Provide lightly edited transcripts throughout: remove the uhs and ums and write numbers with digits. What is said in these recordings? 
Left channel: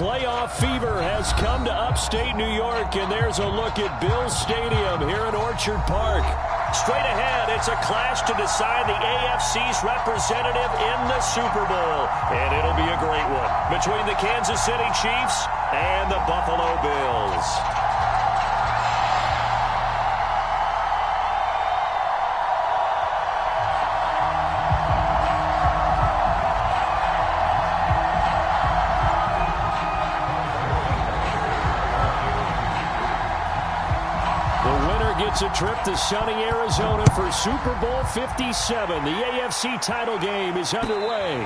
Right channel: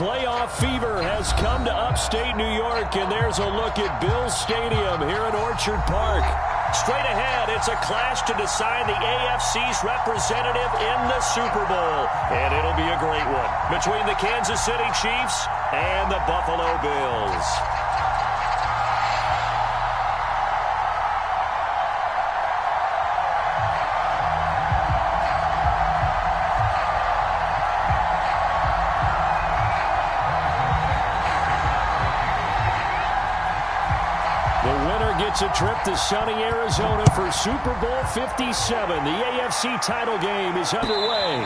Playoff fever has come to upstate New York, and there's a look at Bills Stadium here in Orchard Park. Straight ahead, it's a clash to decide the AFC's representative in the Super Bowl. And it'll be a great one between the Kansas City Chiefs and the Buffalo Bills. Gets a trip to sunny Arizona for Super Bowl 57. The AFC title game is underway.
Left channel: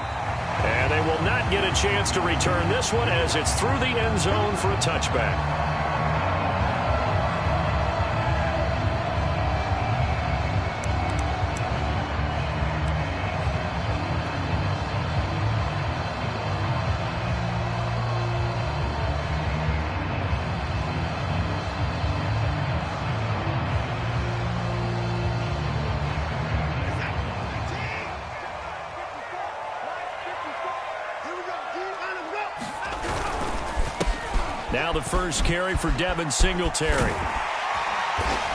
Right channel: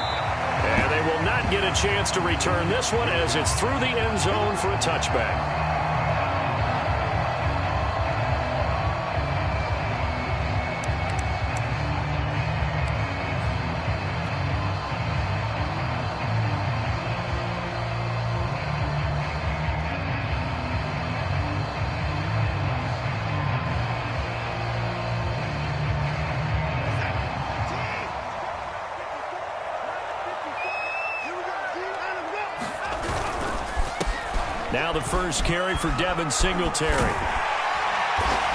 And they will not get a chance to return this one as it's through the end zone for a touchback. Now the first carry for Devin Singletary.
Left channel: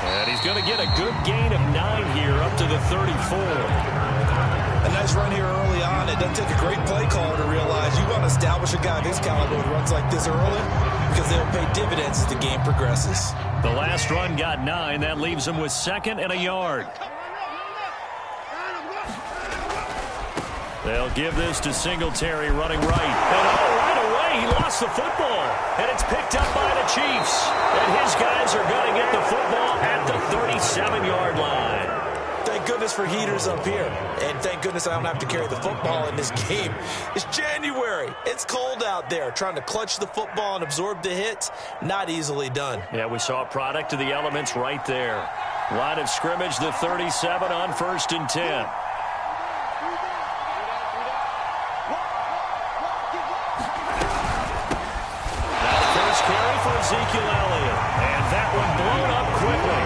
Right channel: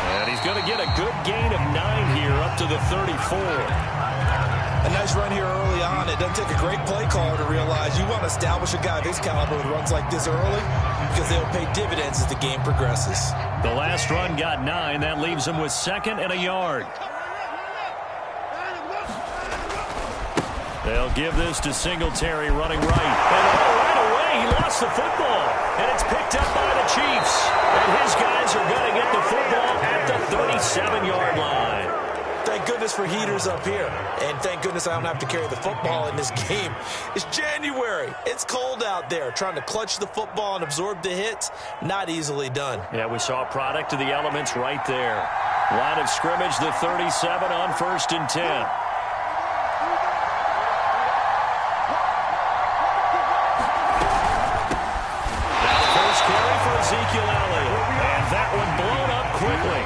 And he's going to get a good gain of 9 here up to the 34. A nice run here early on. It doesn't take a great play caller to realize you want to establish a guy of his caliber with runs like this early because they'll pay dividends as the game progresses. The last run got 9. That leaves him with 2nd and a yard. They'll give this to Singletary running right. And right away, he lost the football. And it's picked up by the Chiefs. And his guys are going to get the football at the 37-yard line. Thank goodness for heaters up here. And thank goodness I don't have to carry the football in this game. It's January. It's cold out there. Trying to clutch the football and absorb the hits, not easily done. Yeah, we saw a product of the elements right there. Line of scrimmage, the 37 on 1st and 10. Carry for Ezekiel Elliott. And that one blown up quickly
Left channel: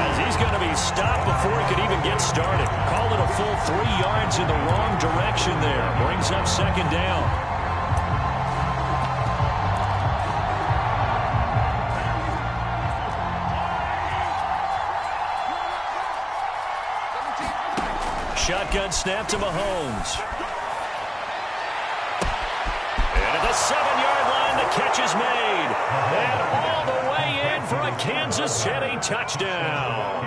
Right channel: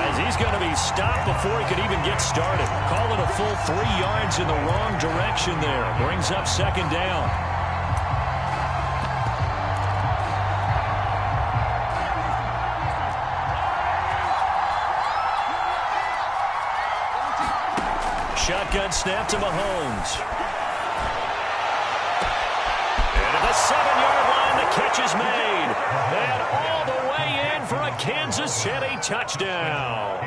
as he's going to be stopped before he could even get started. Call it a full 3 yards in the wrong direction there. Brings up 2nd down. Shotgun snap to Mahomes. And at the 7-yard line, the catch is made. And all the way in for a Kansas City touchdown.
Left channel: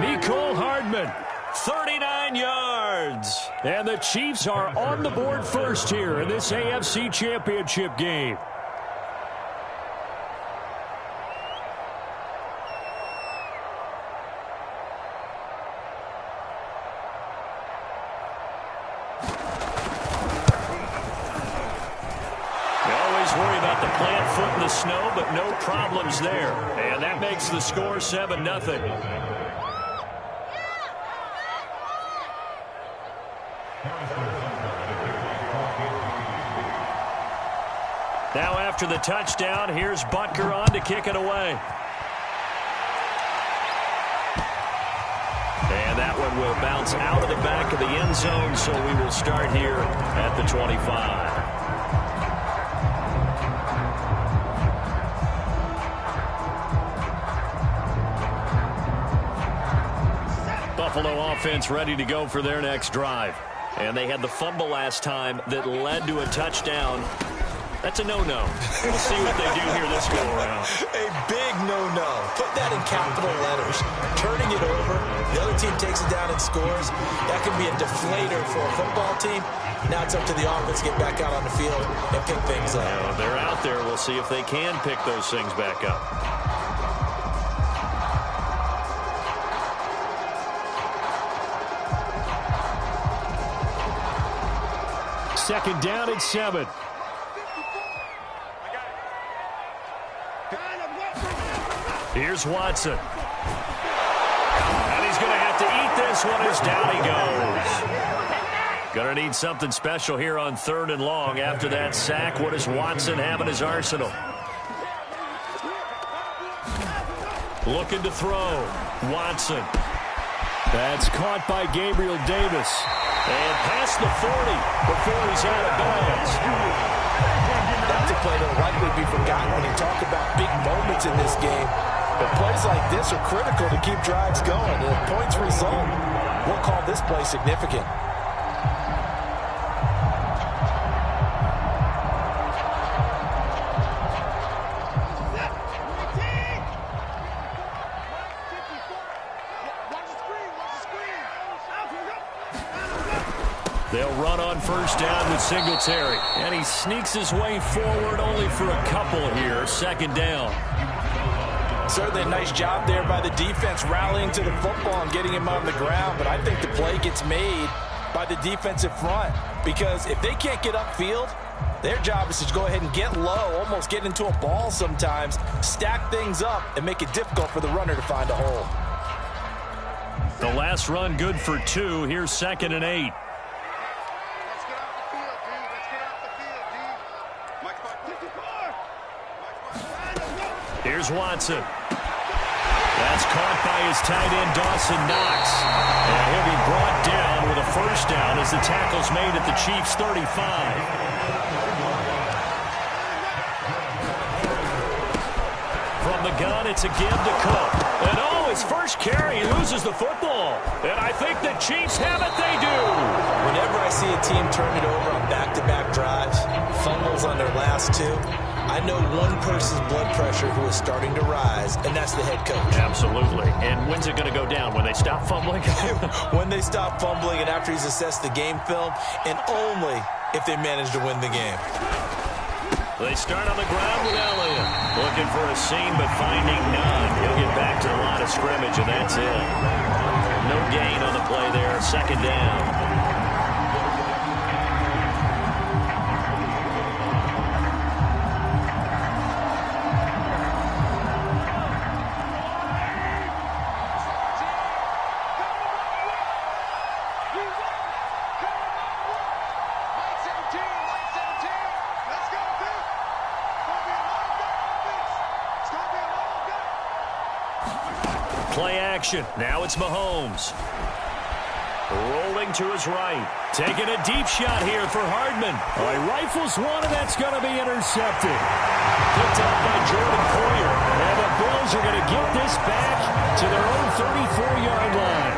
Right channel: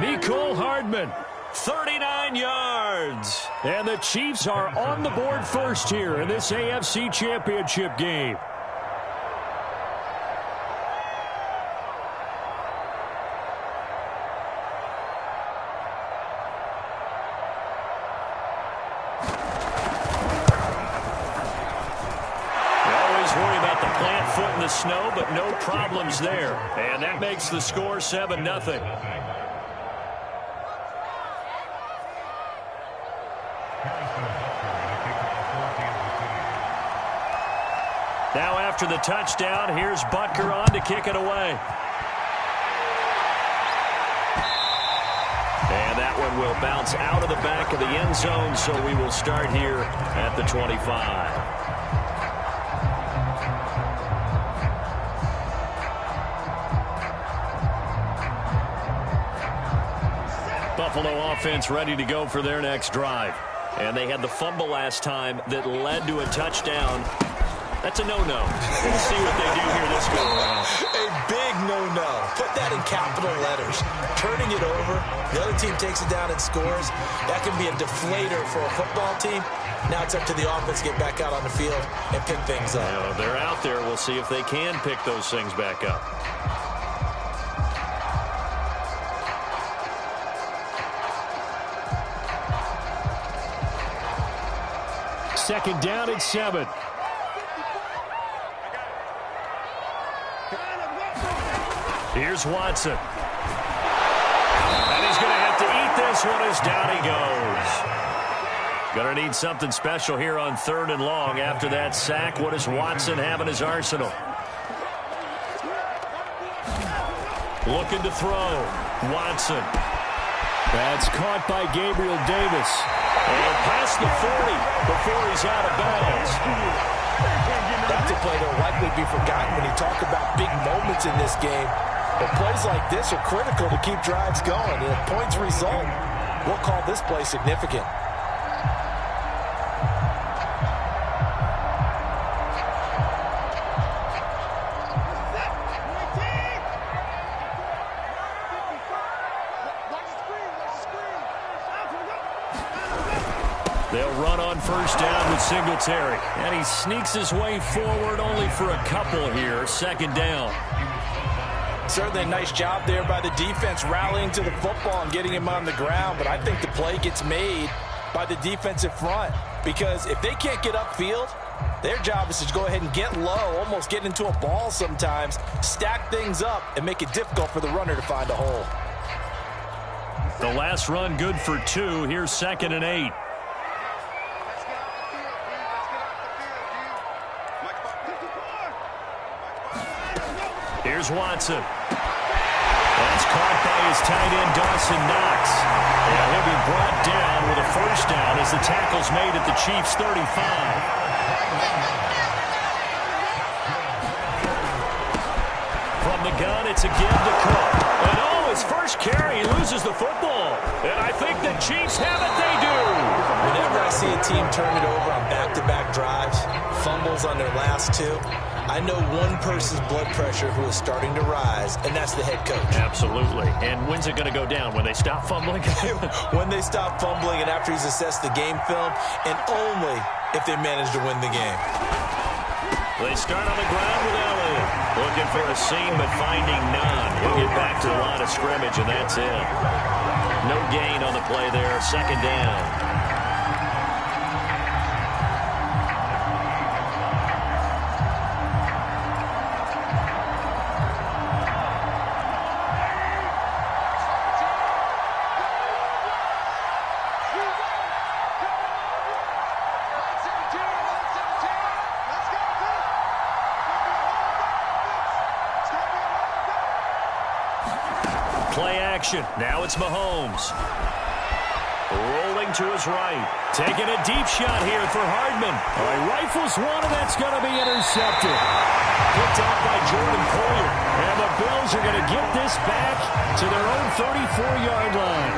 Mecole Hardman, 39 yards. And the Chiefs are on the board first here in this AFC Championship game. Worry about the plant foot in the snow, but no problems there. And that makes the score 7-0. Now after the touchdown, here's Butker on to kick it away. And that one will bounce out of the back of the end zone, so we will start here at the 25. Buffalo offense ready to go for their next drive. And they had the fumble last time that led to a touchdown. That's a no-no. We'll see what they do here this go-around. A big no-no. Put that in capital letters. Turning it over, the other team takes it down and scores. That can be a deflator for a football team. Now it's up to the offense to get back out on the field and pick things up. Yeah, they're out there. We'll see if they can pick those things back up. Second down at 7. Here's Watson. And he's going to have to eat this one as down he goes. Going to need something special here on 3rd and long. After that sack, what does Watson have in his arsenal? Looking to throw. Watson. That's caught by Gabriel Davis. And past the 40 before he's out of bounds. That That's a play that will likely be forgotten when you talk about big moments in this game. But plays like this are critical to keep drives going. And if points result, we'll call this play significant. They'll run on first down with Singletary. And he sneaks his way forward only for a couple here. Second down. Certainly a nice job there by the defense rallying to the football and getting him on the ground. But I think the play gets made by the defensive front. Because if they can't get upfield, their job is to go ahead and get low, almost get into a ball sometimes, stack things up, and make it difficult for the runner to find a hole. The last run good for 2. Here's 2nd and 8. Here's Watson. That's caught by his tight end, Dawson Knox. And he'll be brought down with a first down as the tackle's made at the Chiefs' 35. From the gun, it's a give to Cook. And oh, his first carry, he loses the football. And I think the Chiefs have it, they do. Whenever I see a team turn it over on back-to-back drives, fumbles on their last 2, I know one person's blood pressure who is starting to rise, and that's the head coach. Absolutely. And when's it going to go down? When they stop fumbling? When they stop fumbling and after he's assessed the game film, and only if they manage to win the game. They start on the ground with Elliott. Looking for a seam, but finding none. He'll get back to the line of scrimmage, and that's it. No gain on the play there. Second down. Play action. Now it's Mahomes. Rolling to his right. Taking a deep shot here for Hardman. Oh, he rifles one, and that's going to be intercepted. Picked off by Jordan Poyer. And the Bills are going to get this back to their own 34-yard line.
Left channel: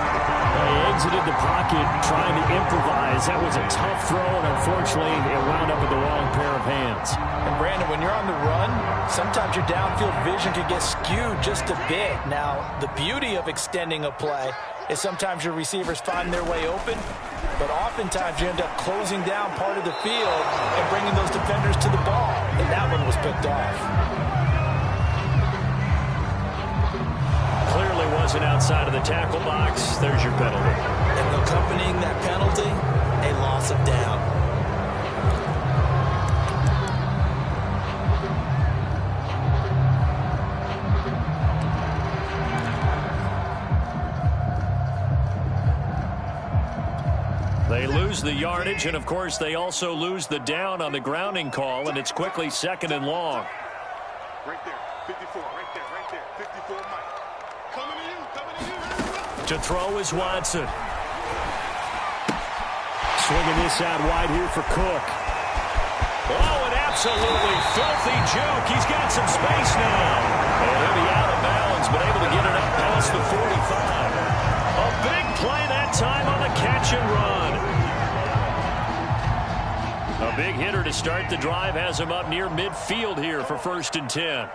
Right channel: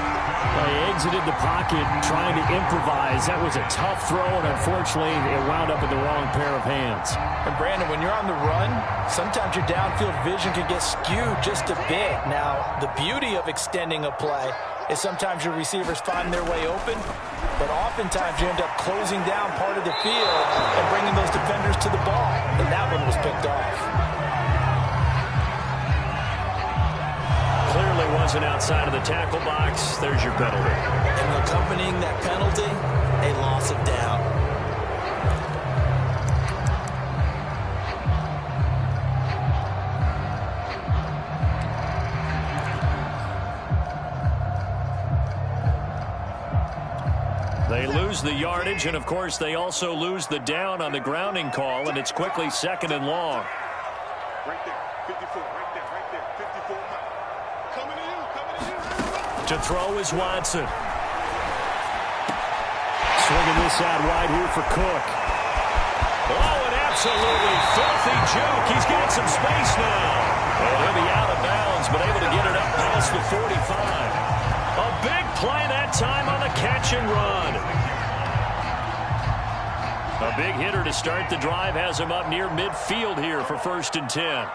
He exited the pocket trying to improvise. That was a tough throw, and unfortunately, it wound up in the wrong pair of hands. And, Brandon, when you're on the run, sometimes your downfield vision can get skewed just a bit. Now, the beauty of extending a play is sometimes your receivers find their way open, but oftentimes you end up closing down part of the field and bringing those defenders to the ball. And that one was picked off. Clearly wasn't outside of the tackle box. There's your penalty. And accompanying that penalty, a loss of down. They lose the yardage, and of course they also lose the down on the grounding call, and it's quickly 2nd and long. Right there, 54, right there, 54, Mike. Coming to you. To throw is Watson. Swinging this out wide here for Cook. Oh, an absolutely filthy juke. He's got some space now. And he'll be out of bounds, but able to get it up past the 45. A big play that time on the catch and run. A big hitter to start the drive has him up near midfield here for 1st and 10.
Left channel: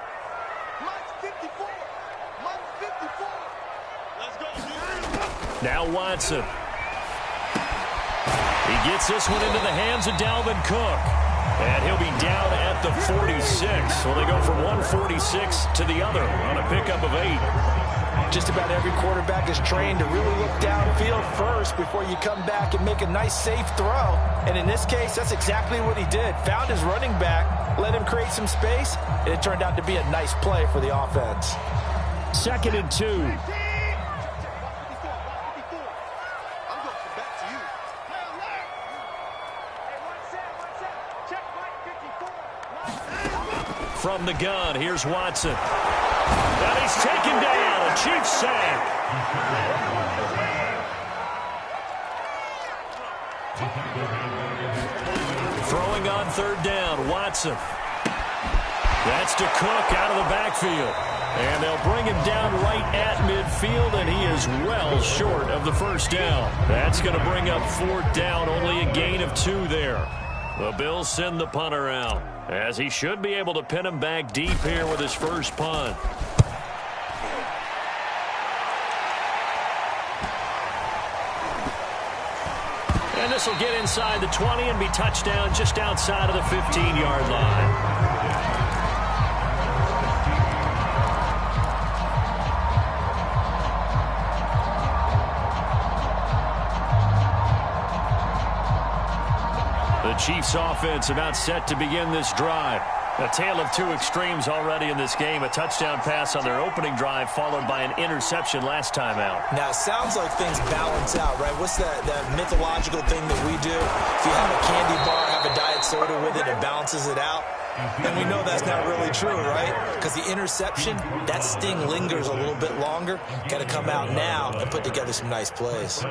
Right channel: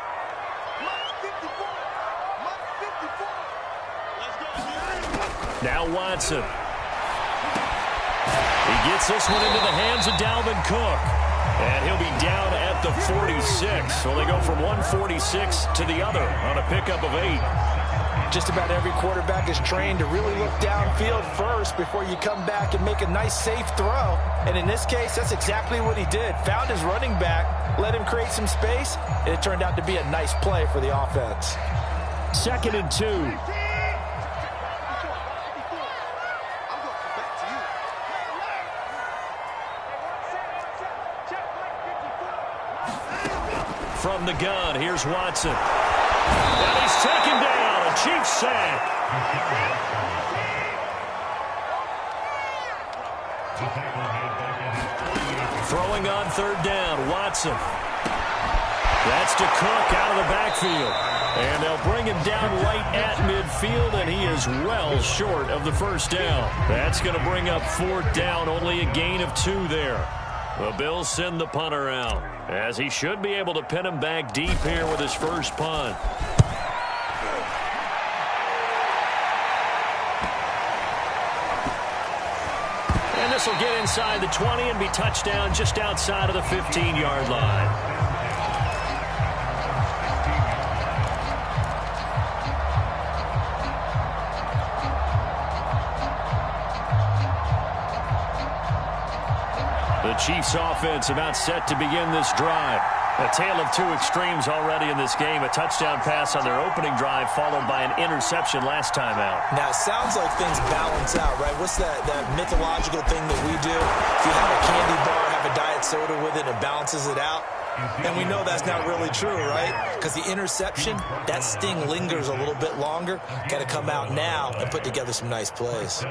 Now Watson. He gets this one into the hands of Dalvin Cook. And he'll be down at the 46. So they go from 146 to the other on a pickup of 8. Just about every quarterback is trained to really look downfield first before you come back and make a nice, safe throw. And in this case, that's exactly what he did. Found his running back, let him create some space, and it turned out to be a nice play for the offense. 2nd and 2. From the gun, here's Watson. And he's taken down, a Chiefs sack. Throwing on 3rd down, Watson. That's to Cook out of the backfield. And they'll bring him down right at midfield, and he is well short of the first down. That's going to bring up fourth down, only a gain of 2 there. The Bills send the punter out, as he should be able to pin him back deep here with his first punt. And this will get inside the 20 and be touchdown just outside of the 15-yard line. The Chiefs offense about set to begin this drive. A tale of 2 extremes already in this game. A touchdown pass on their opening drive followed by an interception last time out. Now, it sounds like things balance out, right? What's that mythological thing that we do? If you have a candy bar, have a diet soda with it, it balances it out. And we know that's not really true, right? Because the interception, that sting lingers a little bit longer. Got to come out now and put together some nice plays.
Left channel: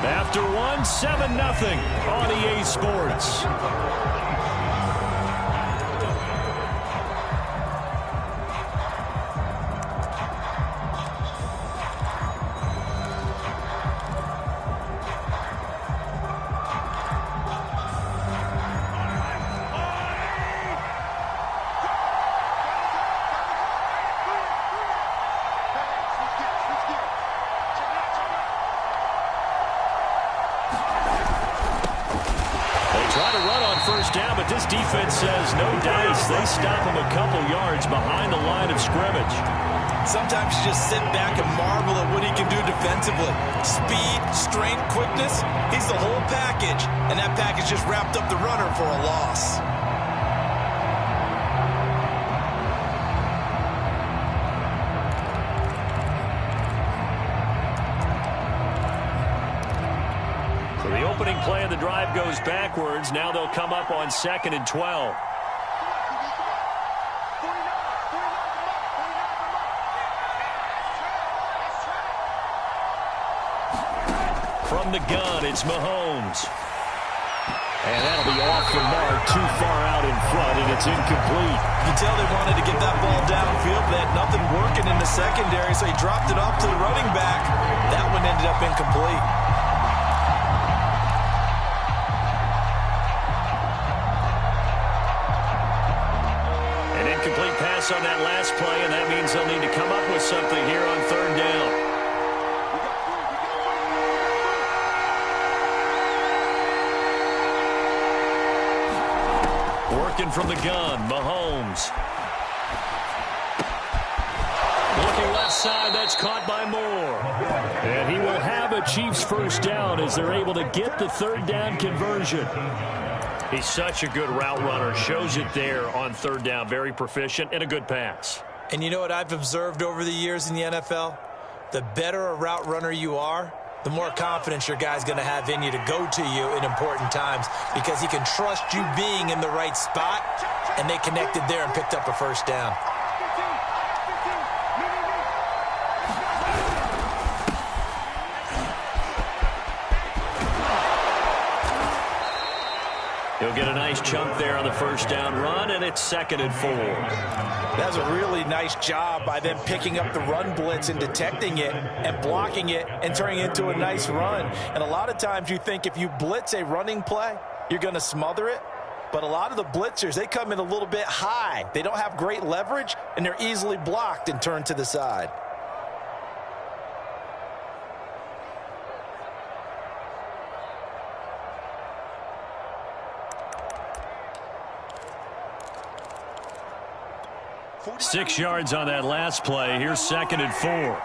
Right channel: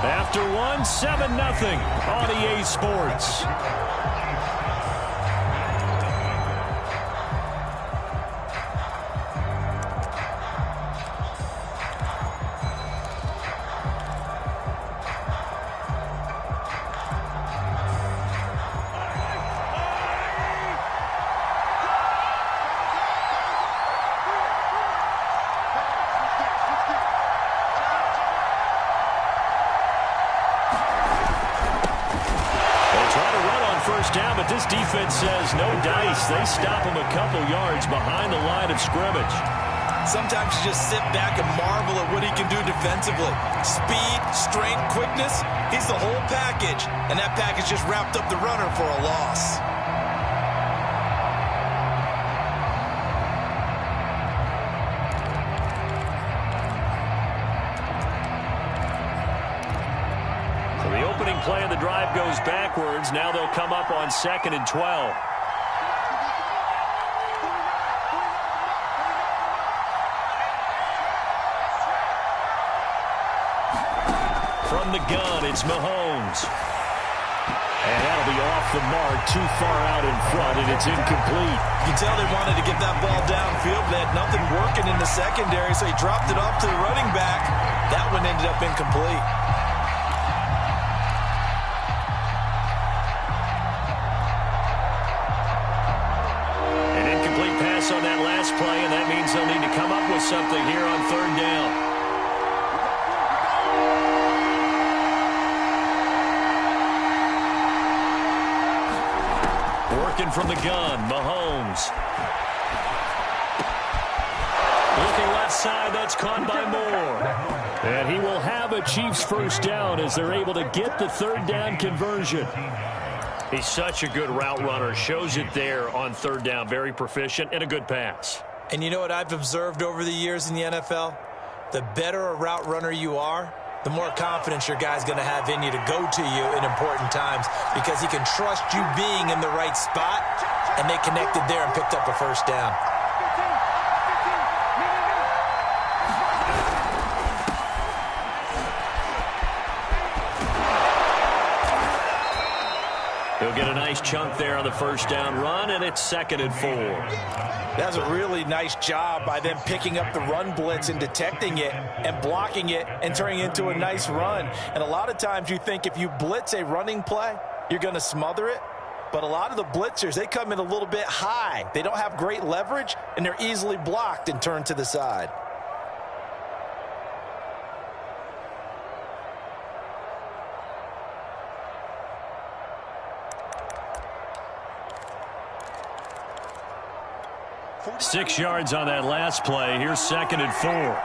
After 1, 7-0 on EA Sports. Down, but this defense says no dice. They stop him a couple yards behind the line of scrimmage. Sometimes you just sit back and marvel at what he can do defensively. Speed, strength, quickness, he's the whole package. And that package just wrapped up the runner for a loss. The opening play of the drive goes backwards. Now they'll come up on 2nd and 12. From the gun, it's Mahomes. And that'll be off the mark, too far out in front, and it's incomplete. You can tell they wanted to get that ball downfield, but they had nothing working in the secondary, so he dropped it off to the running back. That one ended up incomplete. Pass on that last play, and that means they'll need to come up with something here on 3rd down. Working from the gun, Mahomes. Looking left side, that's caught by Moore. And he will have a Chiefs first down as they're able to get the 3rd down conversion. He's such a good route runner. Shows it there on 3rd down. Very proficient and a good pass. And you know what I've observed over the years in the NFL? The better a route runner you are, the more confidence your guy's going to have in you to go to you in important times because he can trust you being in the right spot, and they connected there and picked up a first down. He'll get a nice chunk there on the first down run, and it's 2nd and 4. That's a really nice job by them picking up the run blitz and detecting it and blocking it and turning it into a nice run. And a lot of times you think if you blitz a running play, you're going to smother it. But a lot of the blitzers, they come in a little bit high. They don't have great leverage, and they're easily blocked and turned to the side. Six yards on that last play. Here's 2nd and 4.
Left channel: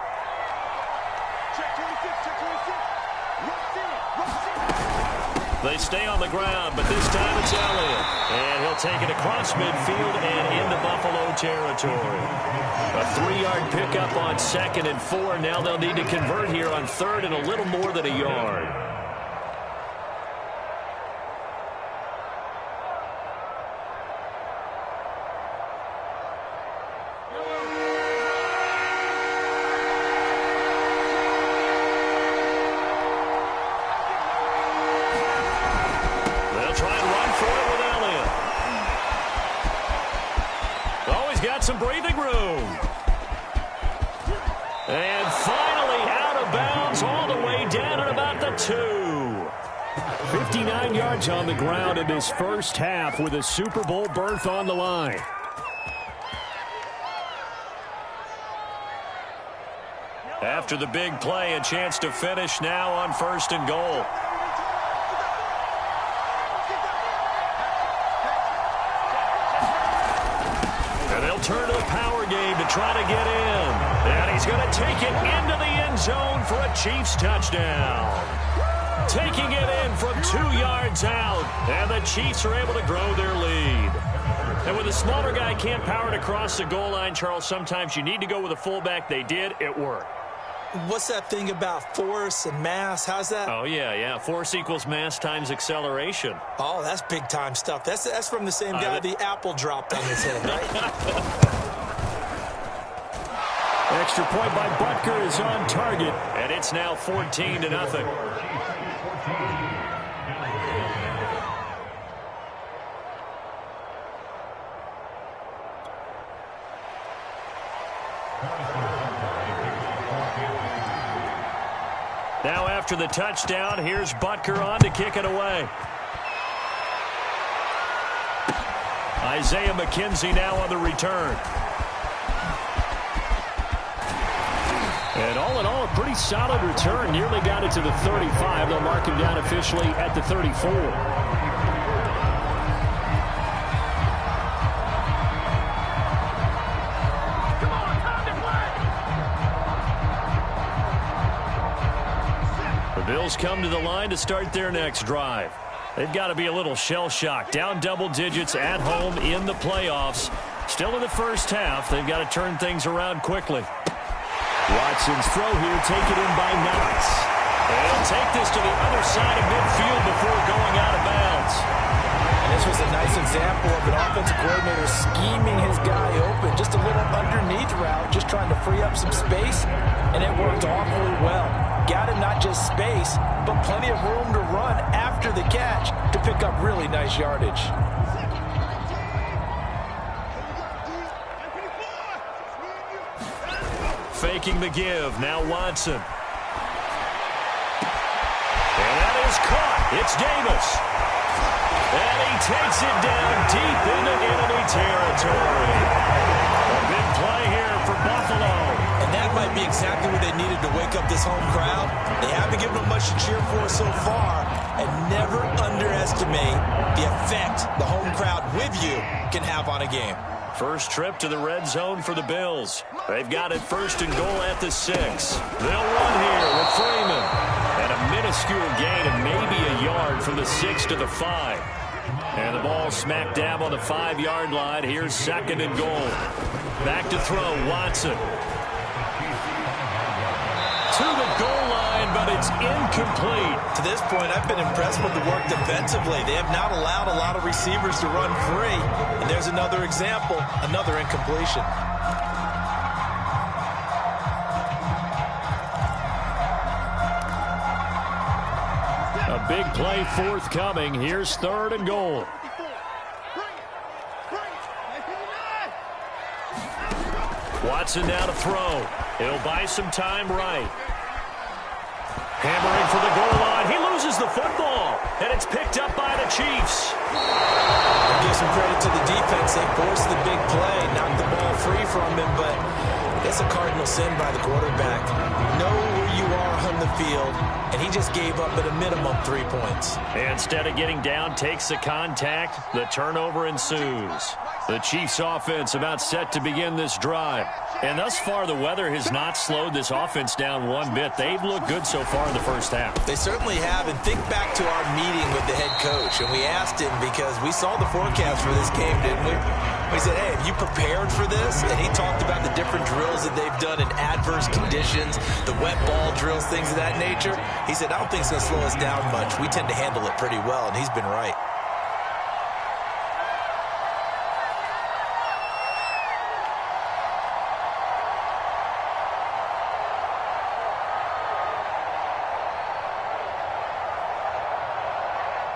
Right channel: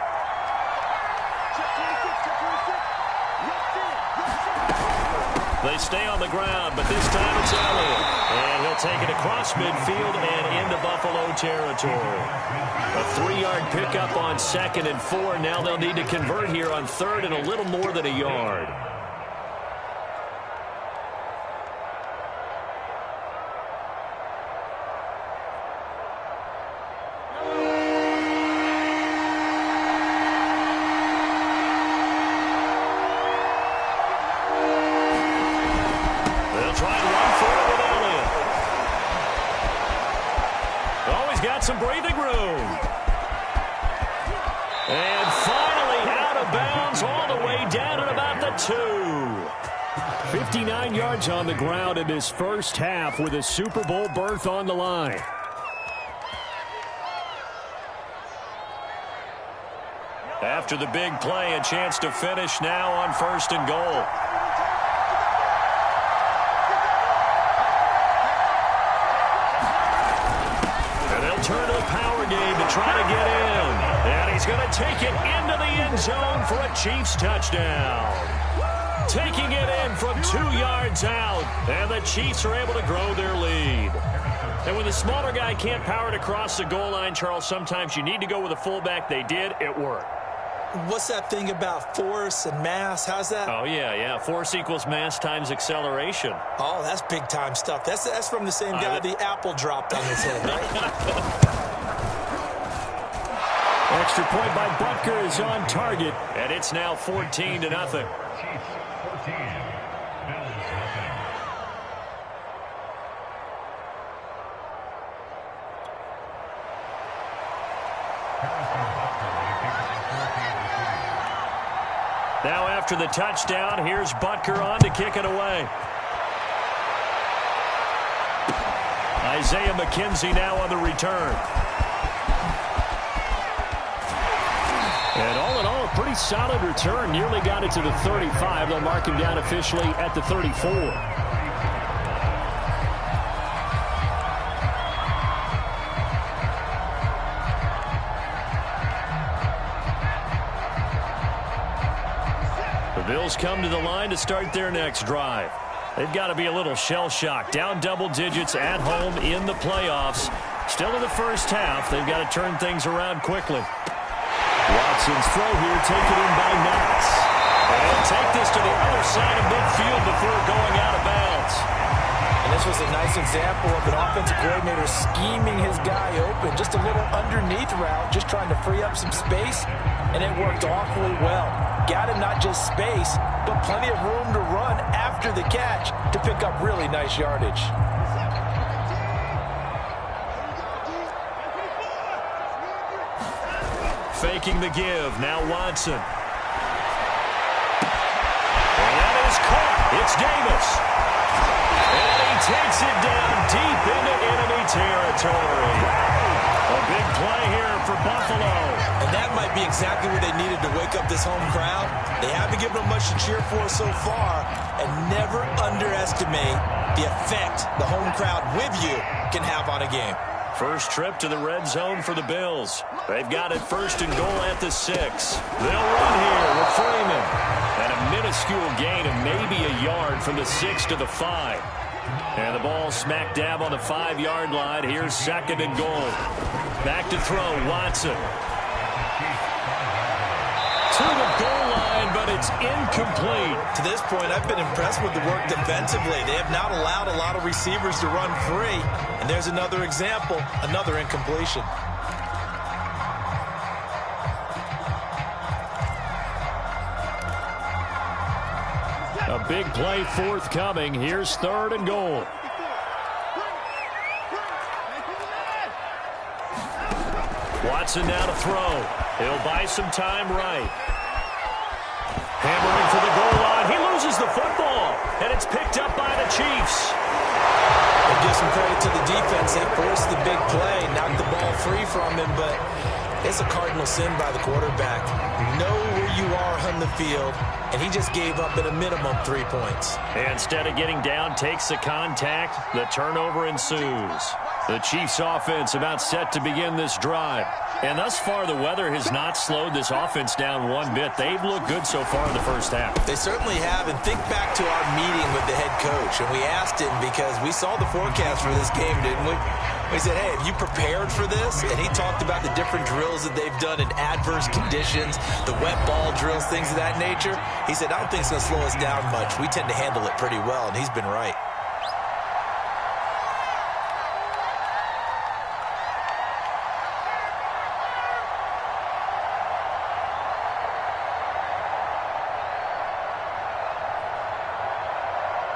They stay on the ground, but this time it's Elliott. And he'll take it across midfield and into Buffalo territory. A 3-yard pickup on 2nd and 4. Now they'll need to convert here on 3rd and a little more than a yard. got some breathing room. And finally out of bounds all the way down at about the 2. 59 yards on the ground in this first half with a Super Bowl berth on the line. After the big play, a chance to finish now on 1st and goal. And they'll turn to the power game to try to get in. And he's going to take it into the end zone for a Chiefs touchdown. Taking it in from 2 yards out. And the Chiefs are able to grow their lead. And when the smaller guy can't power it across the goal line, Charles, sometimes you need to go with a fullback. They did. It worked. What's that thing about force and mass? How's that? Oh, yeah. Force equals mass times acceleration. Oh, that's big-time stuff. That's from the same guy the apple dropped on his head, right? Extra point by Butker is on target, and it's now 14-0. Now after the touchdown, here's Butker on to kick it away. Isaiah McKenzie now on the return. And all in all, a pretty solid return. Nearly got it to the 35. They'll mark him down officially at the 34. The Bills come to the line to start their next drive. They've got to be a little shell-shocked. Down double digits at home in the playoffs. Still in the first half. They've got to turn things around quickly. Watson's throw here taken in by Knox. And take this to the other side of midfield before going out of bounds. And this was a nice example of an offensive coordinator scheming his guy open. Just a little underneath route, just trying to free up some space. And it worked awfully well. Got him not just space, but plenty of room to run after the catch to pick up really nice yardage. Faking the give. Now Watson. And that is caught. It's Davis. And he takes it down deep into enemy territory. A big play here for Buffalo. And that might be exactly what they needed to wake up this home crowd. They haven't given them much to cheer for so far. And never underestimate the effect the home crowd with you can have on a game. First trip to the red zone for the Bills. They've got it 1st and goal at the 6. They'll run here with Freeman. And a minuscule gain of maybe a yard from the 6 to the 5. And the ball smack dab on the 5-yard line. Here's 2nd and goal. Back to throw, Watson. To the goal line, but it's incomplete. To this point, I've been impressed with the work defensively. They have not allowed a lot of receivers to run free. And there's another example, another incompletion. A big play forthcoming. Here's 3rd and goal. Watson now to throw. He'll buy some time right. Hammering for the goal line. He loses the football. And it's picked up by the Chiefs. And give some credit to the defense. They forced the big play, knocked the ball free from him, but it's a cardinal sin by the quarterback. Know where you are on the field, and he just gave up at a minimum 3 points. And instead of getting down, takes the contact. The turnover ensues. The Chiefs offense about set to begin this drive. And thus far, the weather has not slowed this offense down one bit. They've looked good so far in the first half. They certainly have. And think back to our meeting with the head coach. And we asked him, because we saw the forecast for this game, didn't we? We said, hey, have you prepared for this? And he talked about the different drills that they've done in adverse conditions, the wet ball drills, things of that nature. He said, I don't think it's going to slow us down much. We tend to handle it pretty well, and he's been right.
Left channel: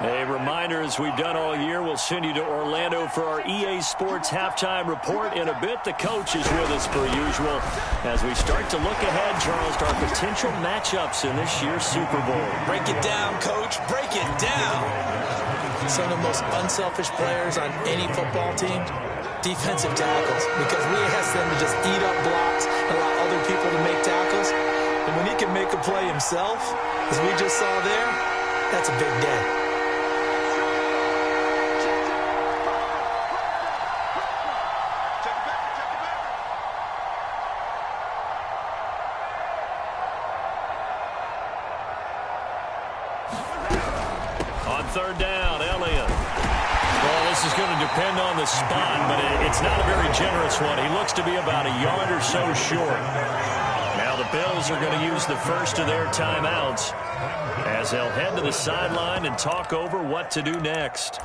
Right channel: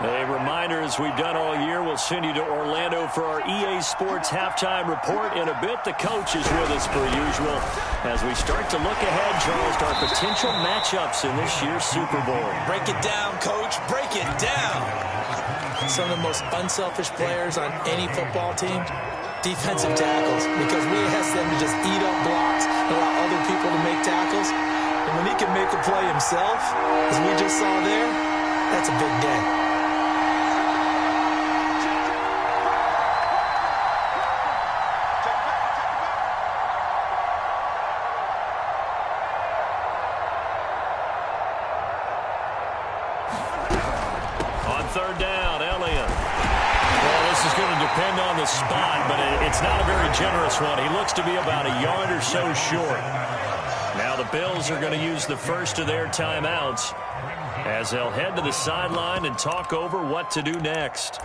A reminder, as we've done all year, we'll send you to Orlando for our EA Sports halftime report in a bit. The coach is with us per usual as we start to look ahead, Charles, to our potential matchups in this year's Super Bowl. Break it down, Coach. Break it down. Some of the most unselfish players on any football team, defensive tackles, because we ask them to just eat up blocks and allow other people to make tackles. And when he can make a play himself, as we just saw there, that's a big day. On third down, Elliott. Well, this is going to depend on the spot, but it's not a very generous one. He looks to be about a yard or so short. Now the Bills are going to use the first of their timeouts as they'll head to the sideline and talk over what to do next.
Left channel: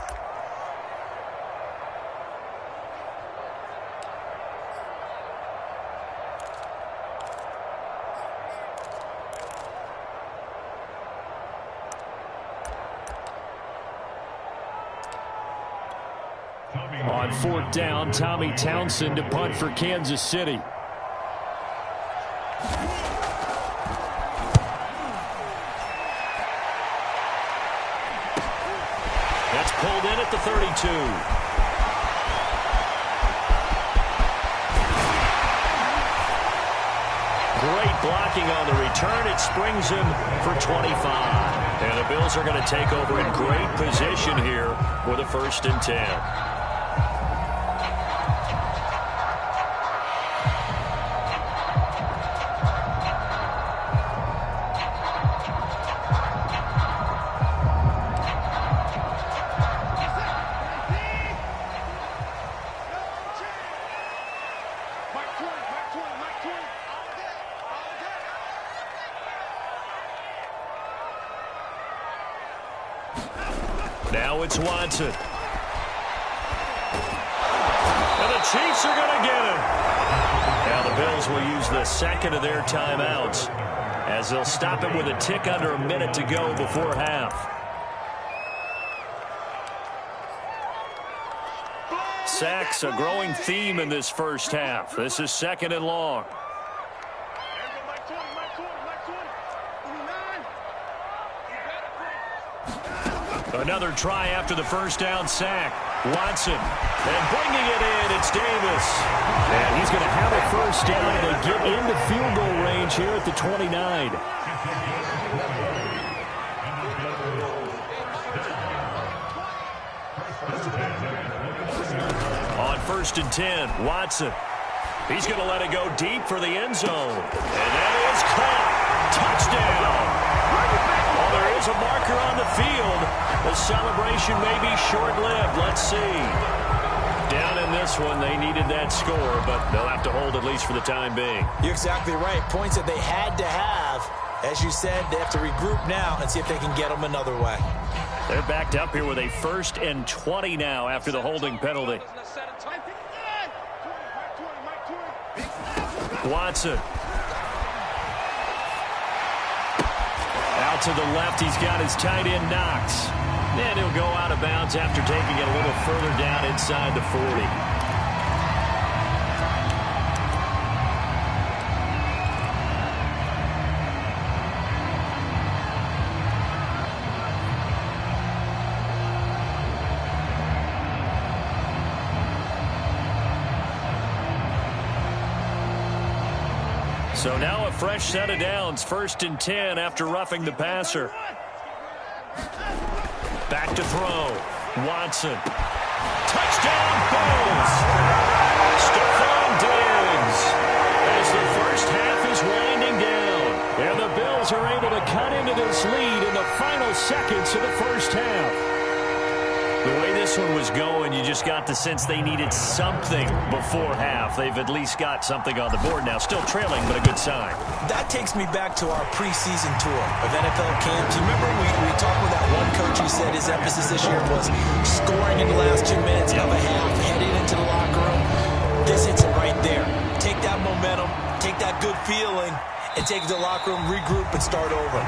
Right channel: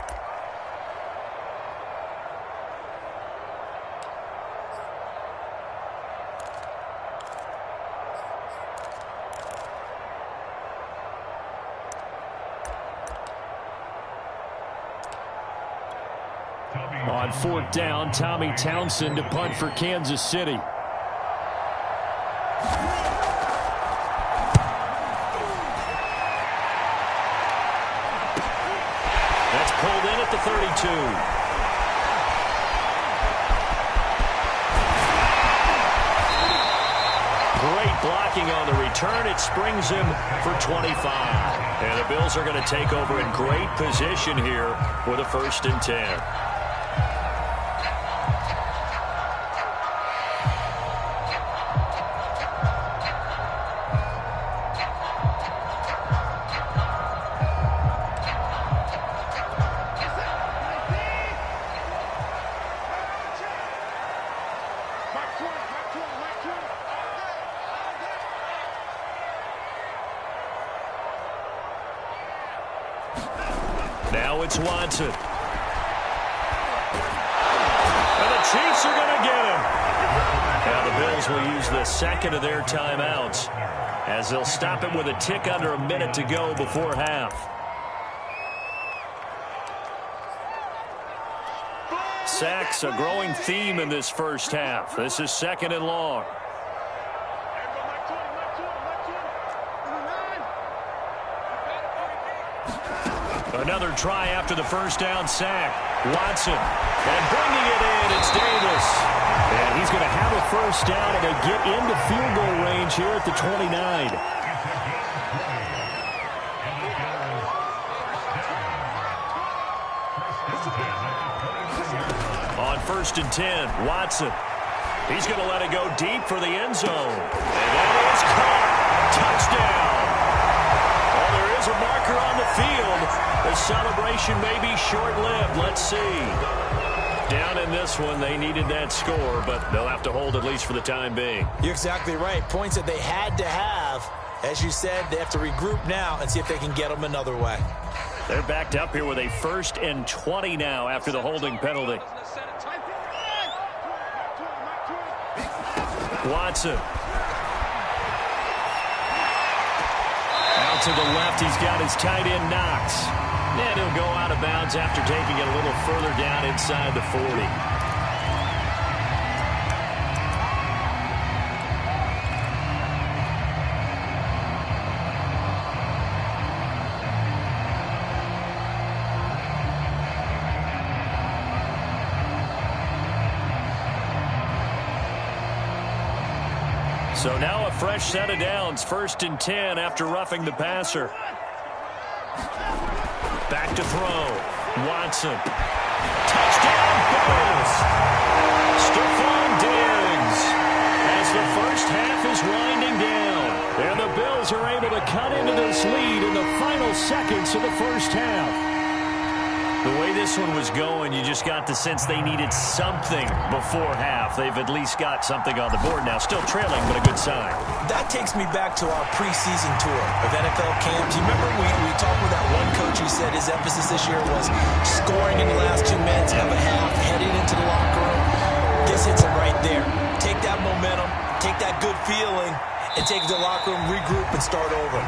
On fourth down, Tommy Townsend to punt for Kansas City. That's pulled in at the 32. Great blocking on the return. It springs him for 25. And the Bills are going to take over in great position here with a 1st and 10. Now it's Watson. And the Chiefs are going to get him. Now the Bills will use the second of their timeouts as they'll stop it with a tick under a minute to go before half. Sacks, a growing theme in this first half. This is 2nd and long. Another try after the first down sack. Watson. And bringing it in, it's Davis. And he's going to have a first down and a get into field goal range here at the 29. On 1st and 10, Watson. He's going to let it go deep for the end zone. And that is caught. Touchdown. Well, there is a marker on the field. The celebration may be short-lived. Let's see. Down in this one, they needed that score, but they'll have to hold at least for the time being. You're exactly right. Points that they had to have. As you said, they have to regroup now and see if they can get them another way. They're backed up here with a 1st and 20 now after the holding penalty. Watson. Out to the left, he's got his tight end Knox. And he'll go out of bounds after taking it a little further down inside the 40. So now a fresh set of downs, 1st and 10 after roughing the passer. Back to throw. Watson. Touchdown, Bills. Stephon Diggs. As the first half is winding down. And the Bills are able to cut into this lead in the final seconds of the first half. The way this one was going, you just got the sense they needed something before half. They've at least got something on the board now. Still trailing, but a good sign. That takes me back to our preseason tour of NFL camps. You remember we talked with that one coach who said his emphasis this year was scoring in the last 2 minutes of a half, heading into the locker room. This hits it right there. Take that momentum, take that good feeling, and take it to the locker room, regroup, and start over.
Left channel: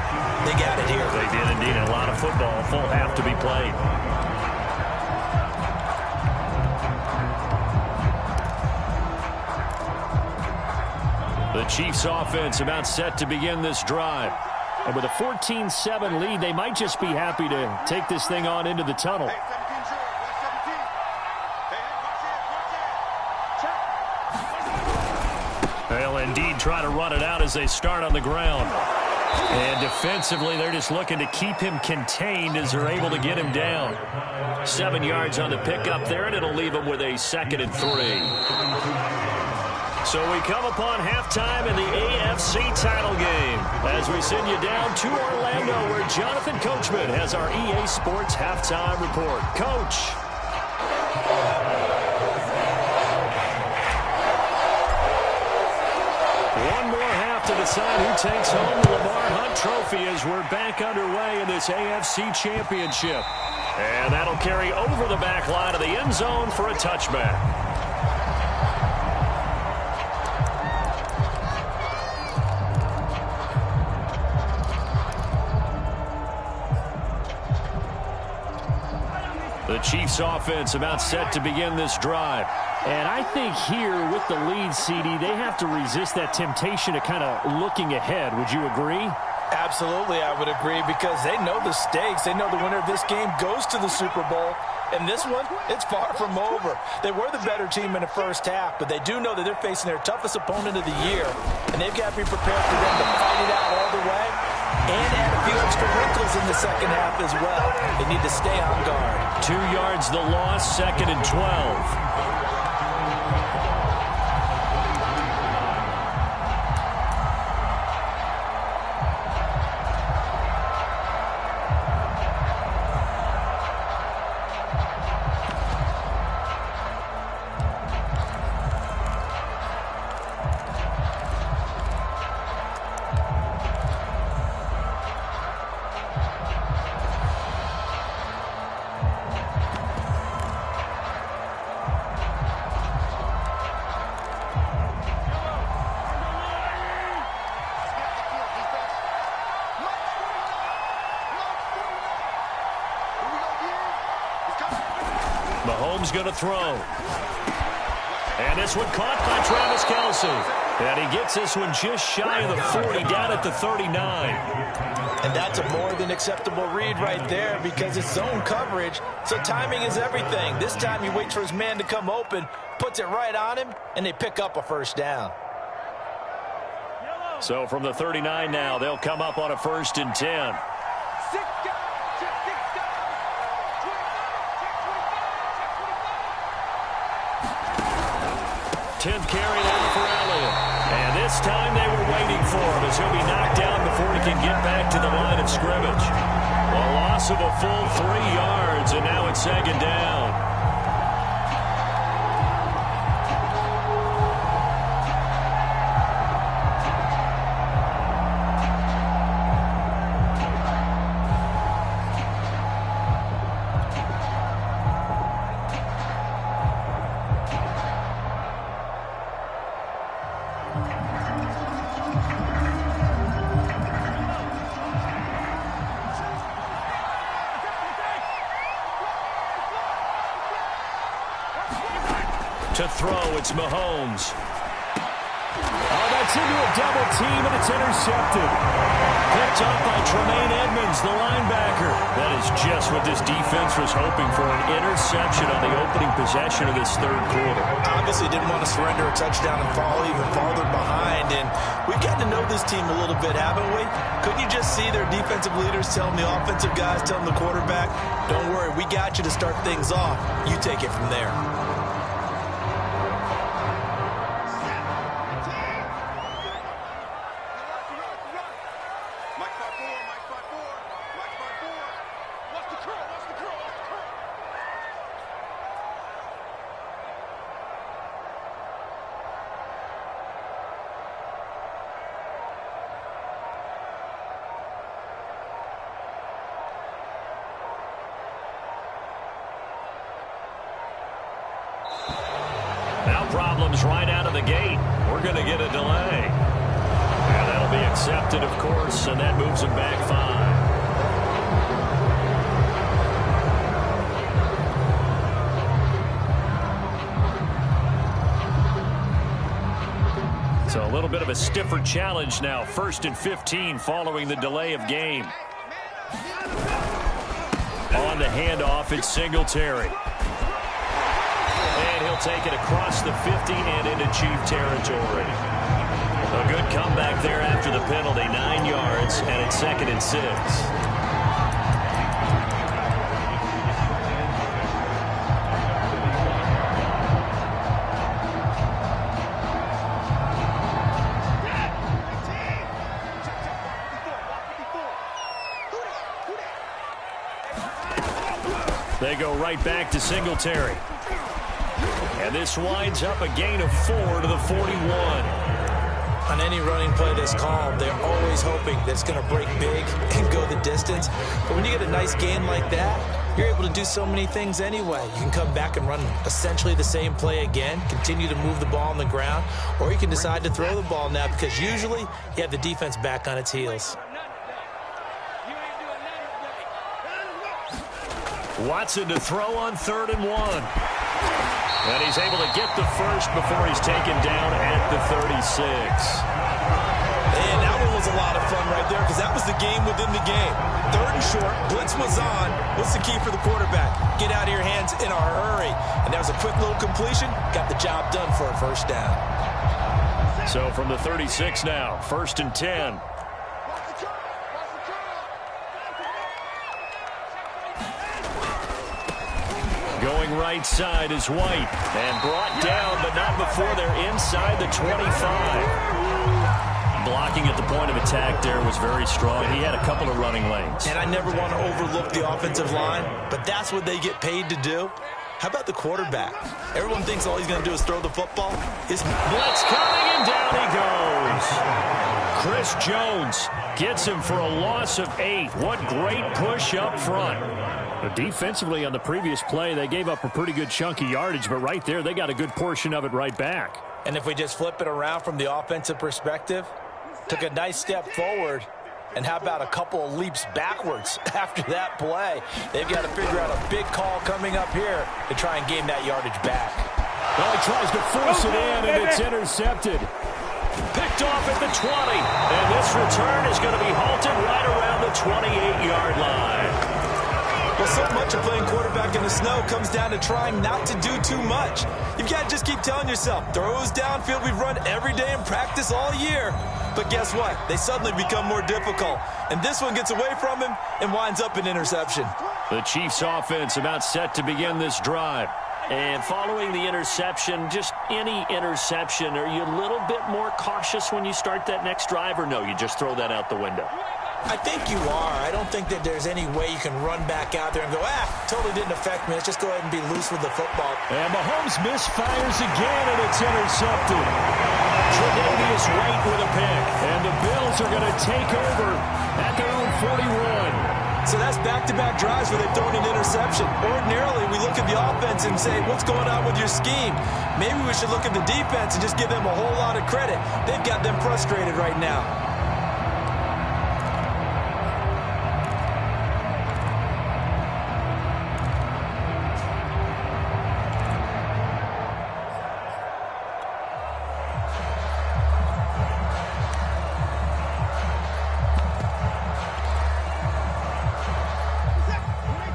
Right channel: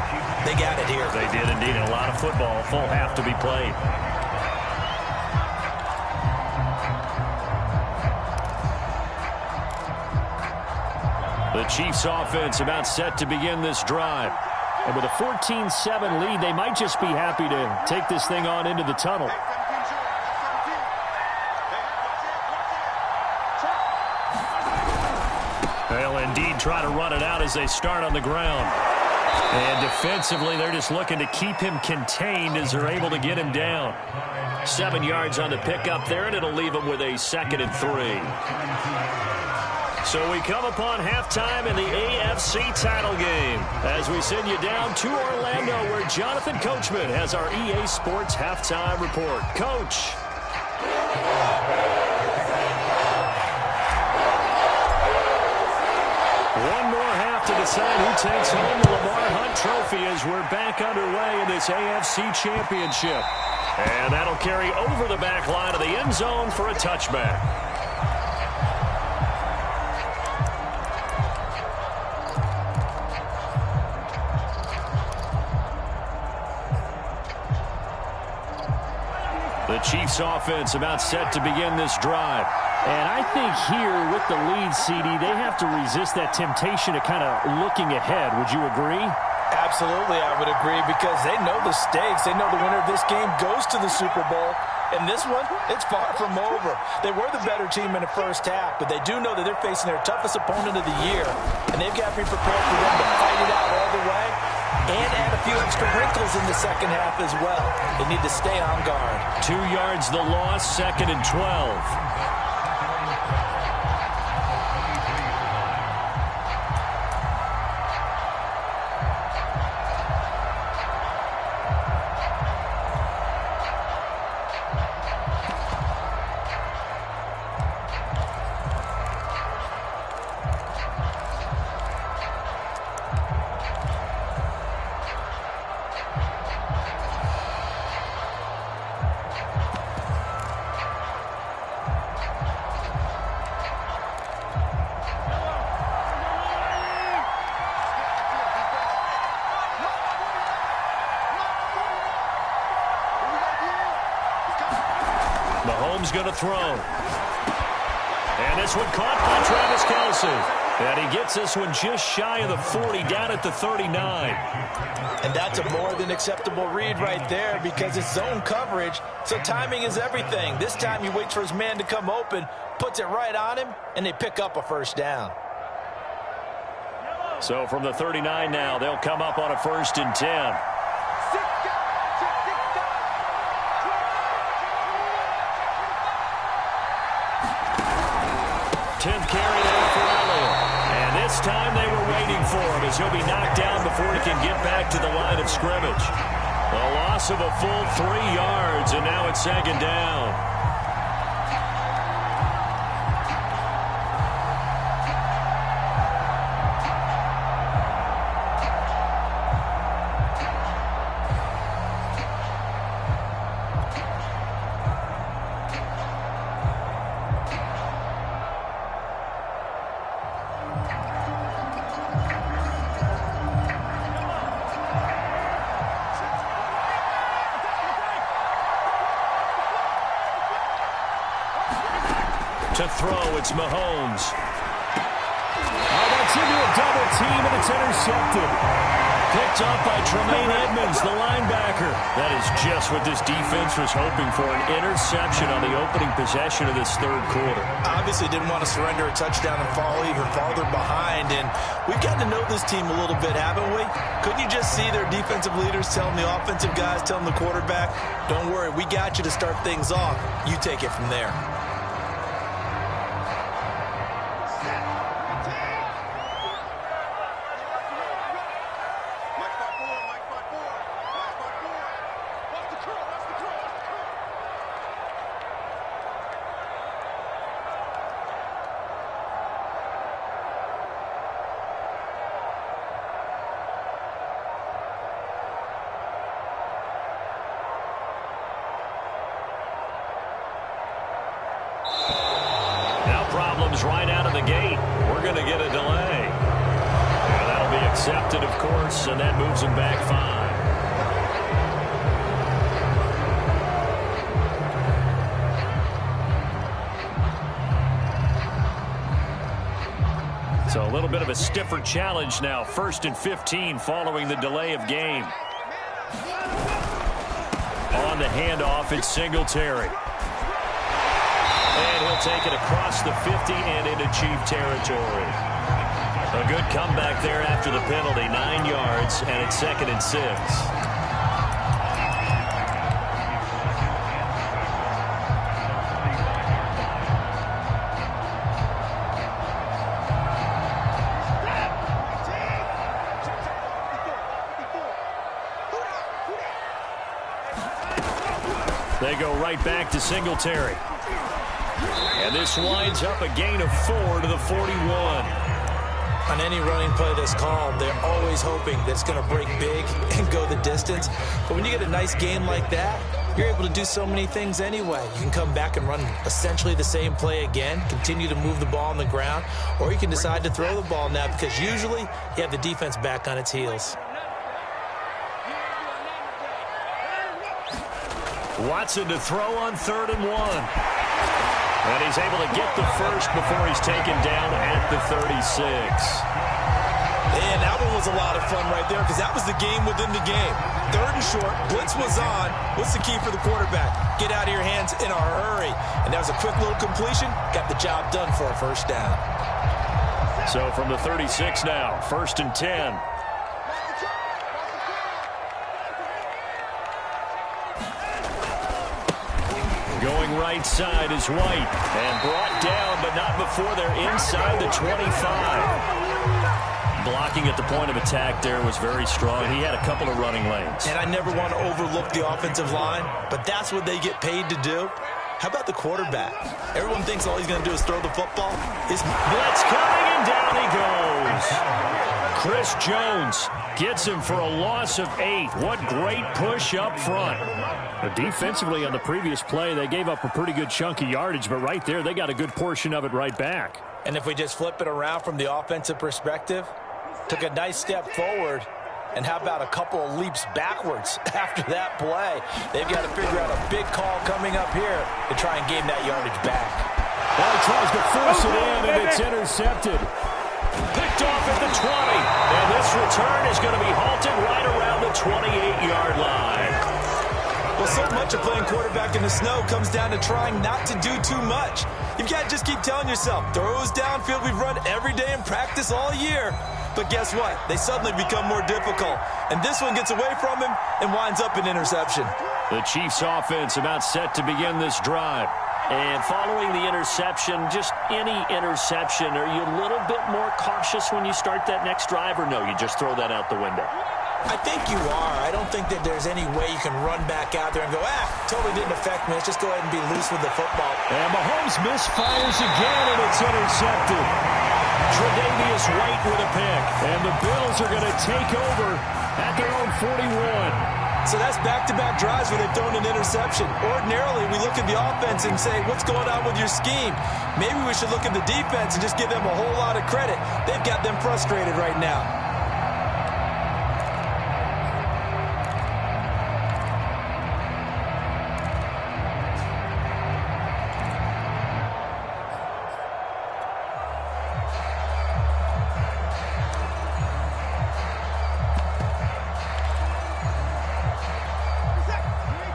They got it here. They did indeed. And a lot of football, full half to be played. The Chiefs offense about set to begin this drive. And with a 14-7 lead, they might just be happy to take this thing on into the tunnel. They'll indeed try to run it out as they start on the ground. And defensively, they're just looking to keep him contained as they're able to get him down. 7 yards on the pickup there, and it'll leave him with a 2nd and 3. So we come upon halftime in the AFC title game as we send you down to Orlando where Jonathan Coachman has our EA Sports halftime report. Coach. One more half to decide who takes home the Lamar Hunt Trophy as we're back underway in this AFC Championship. And that'll carry over the back line of the end zone for a touchback. The Chiefs offense about set to begin this drive. And I think here with the lead, CD, they have to resist that temptation to kind of looking ahead. Would you agree? Absolutely, I would agree, because they know the stakes. They know the winner of this game goes to the Super Bowl. And this one, it's far from over. They were the better team in the first half, but they do know that they're facing their toughest opponent of the year. And they've got to be prepared for them to fight it out all the way and add a few extra wrinkles in the second half as well. They need to stay on guard. 2 yards the loss, 2nd and 12. Mahomes going to throw. And this one caught by Travis Kelce. And he gets this one just shy of the 40, down at the 39. And that's a more than acceptable read right there because it's zone coverage, so timing is everything. This time he waits for his man to come open, puts it right on him, and they pick up a first down. So from the 39 now, they'll come up on a 1st and 10. 10th carry now for Elliott. And this time they were waiting for him as he'll be knocked down before he can get back to the line of scrimmage. A loss of a full 3 yards, and now it's 2nd down. To throw, it's Mahomes. Oh, that's into a double team, and it's intercepted. Picked off by Tremaine Edmonds, the linebacker. That is just what this defense was hoping for, an interception on the opening possession of this third quarter. Obviously didn't want to surrender a touchdown and fall even farther behind, and we've got to know this team a little bit, haven't we? Couldn't you just see their defensive leaders telling the offensive guys, telling the quarterback, don't worry, we got you to start things off. You take it from there. Now problems right out of the gate. We're going to get a delay. And that'll It'll be accepted, of course, and that moves him back 5. So a little bit of a stiffer challenge now. 1st and 15 following the delay of game. On the handoff, it's Singletary. And he'll take it across the 50 and into Chief territory. A good comeback there after the penalty. 9 yards, and it's 2nd and 6. They go right back to Singletary. And this winds up a gain of 4 to the 41. On any running play that's called, they're always hoping that it's going to break big and go the distance. But when you get a nice gain like that, you're able to do so many things anyway. You can come back and run essentially the same play again, continue to move the ball on the ground, or you can decide to throw the ball now because usually you have the defense back on its heels. Watson to throw on 3rd and 1. And he's able to get the first before he's taken down at the 36. And that one was a lot of fun right there because that was the game within the game. 3rd and short, blitz was on. What's the key for the quarterback? Get out of your hands in a hurry. And that was a quick little completion. Got the job done for a first down. So from the 36 now, 1st and 10. Going right side is White. And brought down, but not before they're inside the 25. Blocking at the point of attack there was very strong. He had a couple of running lanes. And I never want to overlook the offensive line, but that's what they get paid to do. How about the quarterback? Everyone thinks all he's going to do is throw the football. His blitz coming, and down he goes. Chris Jones gets him for a loss of 8. What great push up front. But defensively on the previous play, they gave up a pretty good chunk of yardage, but right there, they got a good portion of it right back. And if we just flip it around from the offensive perspective, took a nice step forward, and how about a couple of leaps backwards after that play? They've got to figure out a big call coming up here to try and gain that yardage back. Well, he tries to force it in, and it's intercepted. Picked off at the 20, and this return is going to be halted right around the 28-yard line. Well, so much of playing quarterback in the snow comes down to trying not to do too much. You've got to just keep telling yourself, throws downfield we've run every day in practice all year. But guess what? They suddenly become more difficult. And this one gets away from him and winds up an interception. The Chiefs offense about set to begin this drive. And following the interception, just any interception, are you a little bit more cautious when you start that next drive, or no, you just throw that out the window? I think you are. I don't think that there's any way you can run back out there and go, totally didn't affect me. Let's just go ahead and be loose with the football. And Mahomes misfires again, and it's intercepted. Tre'Davious White with a pick. And the Bills are going to take over at their own 41. So that's back-to-back drives where they've thrown an interception. Ordinarily, we look at the offense and say, what's going on with your scheme? Maybe we should look at the defense and just give them a whole lot of credit. They've got them frustrated right now.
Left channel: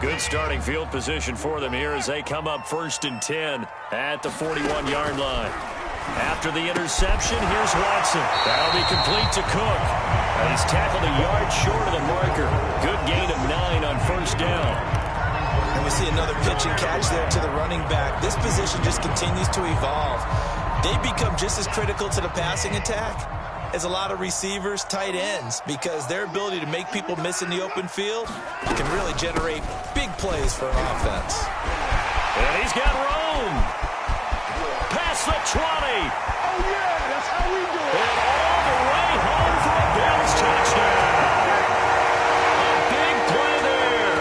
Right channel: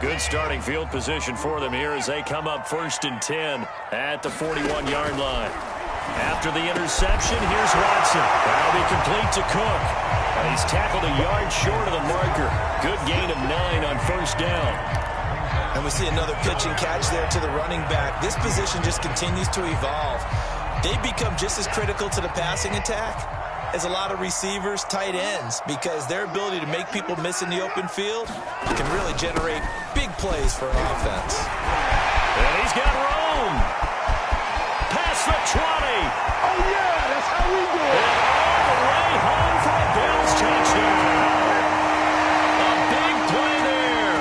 Good starting field position for them here as they come up 1st and 10 at the 41-yard line. After the interception, here's Watson. That'll be complete to Cook. And he's tackled a yard short of the marker. Good gain of 9 on 1st down. And we see another pitch and catch there to the running back. This position just continues to evolve. They become just as critical to the passing attack as a lot of receivers, tight ends, because their ability to make people miss in the open field can really generate big plays for an offense. And he's got room. Past the 20. Oh, yeah, that's how we do it. And all the way home for a Bills touchdown. A big play there.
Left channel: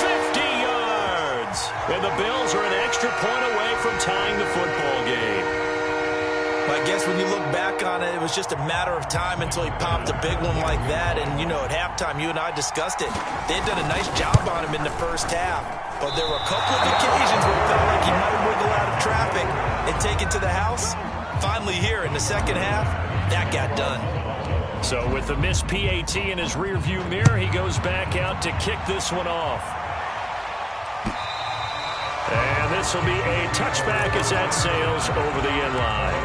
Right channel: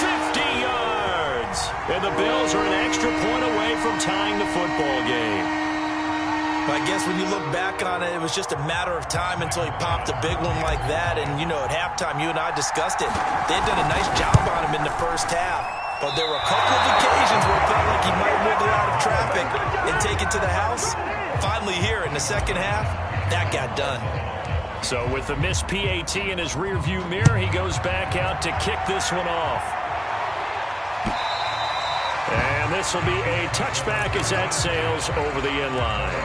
50 yards. And the Bills are an extra point away from tying the football game. Well, I guess when you look back on it, it was just a matter of time until he popped a big one like that. And, you know, at halftime, you and I discussed it. They had done a nice job on him in the first half. But there were a couple of occasions where it felt like he might wiggle out of traffic and take it to the house. Finally here in the second half, that got done. So with the missed PAT in his rearview mirror, he goes back out to kick this one off. And this will be a touchback as that sails over the end line.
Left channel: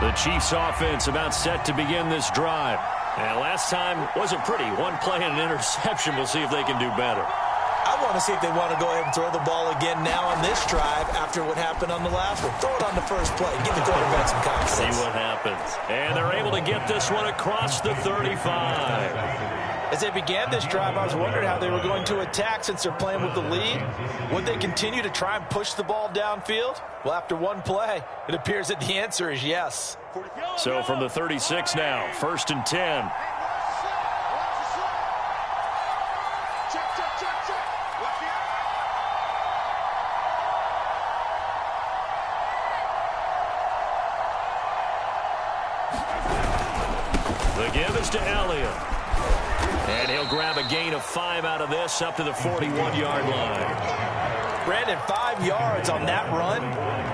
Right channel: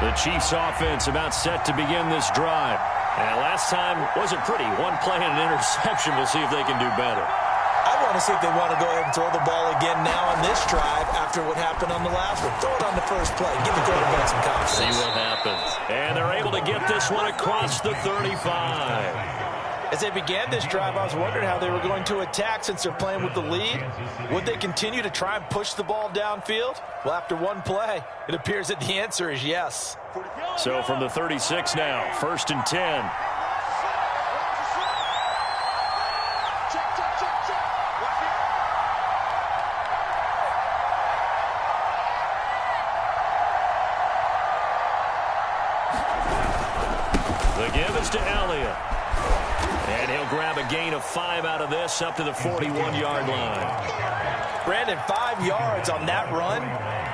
The Chiefs offense about set to begin this drive. And last time wasn't pretty. One play and an interception. We'll see if they can do better. I want to see if they want to go ahead and throw the ball again now on this drive after what happened on the last one. Throw it on the first play. Give the quarterback some confidence. See what happens. And they're able to get this one across the 35. As they began this drive, I was wondering how they were going to attack since they're playing with the lead. Would they continue to try and push the ball downfield? Well, after one play, it appears that the answer is yes. So from the 36 now, 1st and 10. The give is to Elliott. And he'll grab a gain of 5 out of this up to the 41-yard line. Brandon, 5 yards on that run.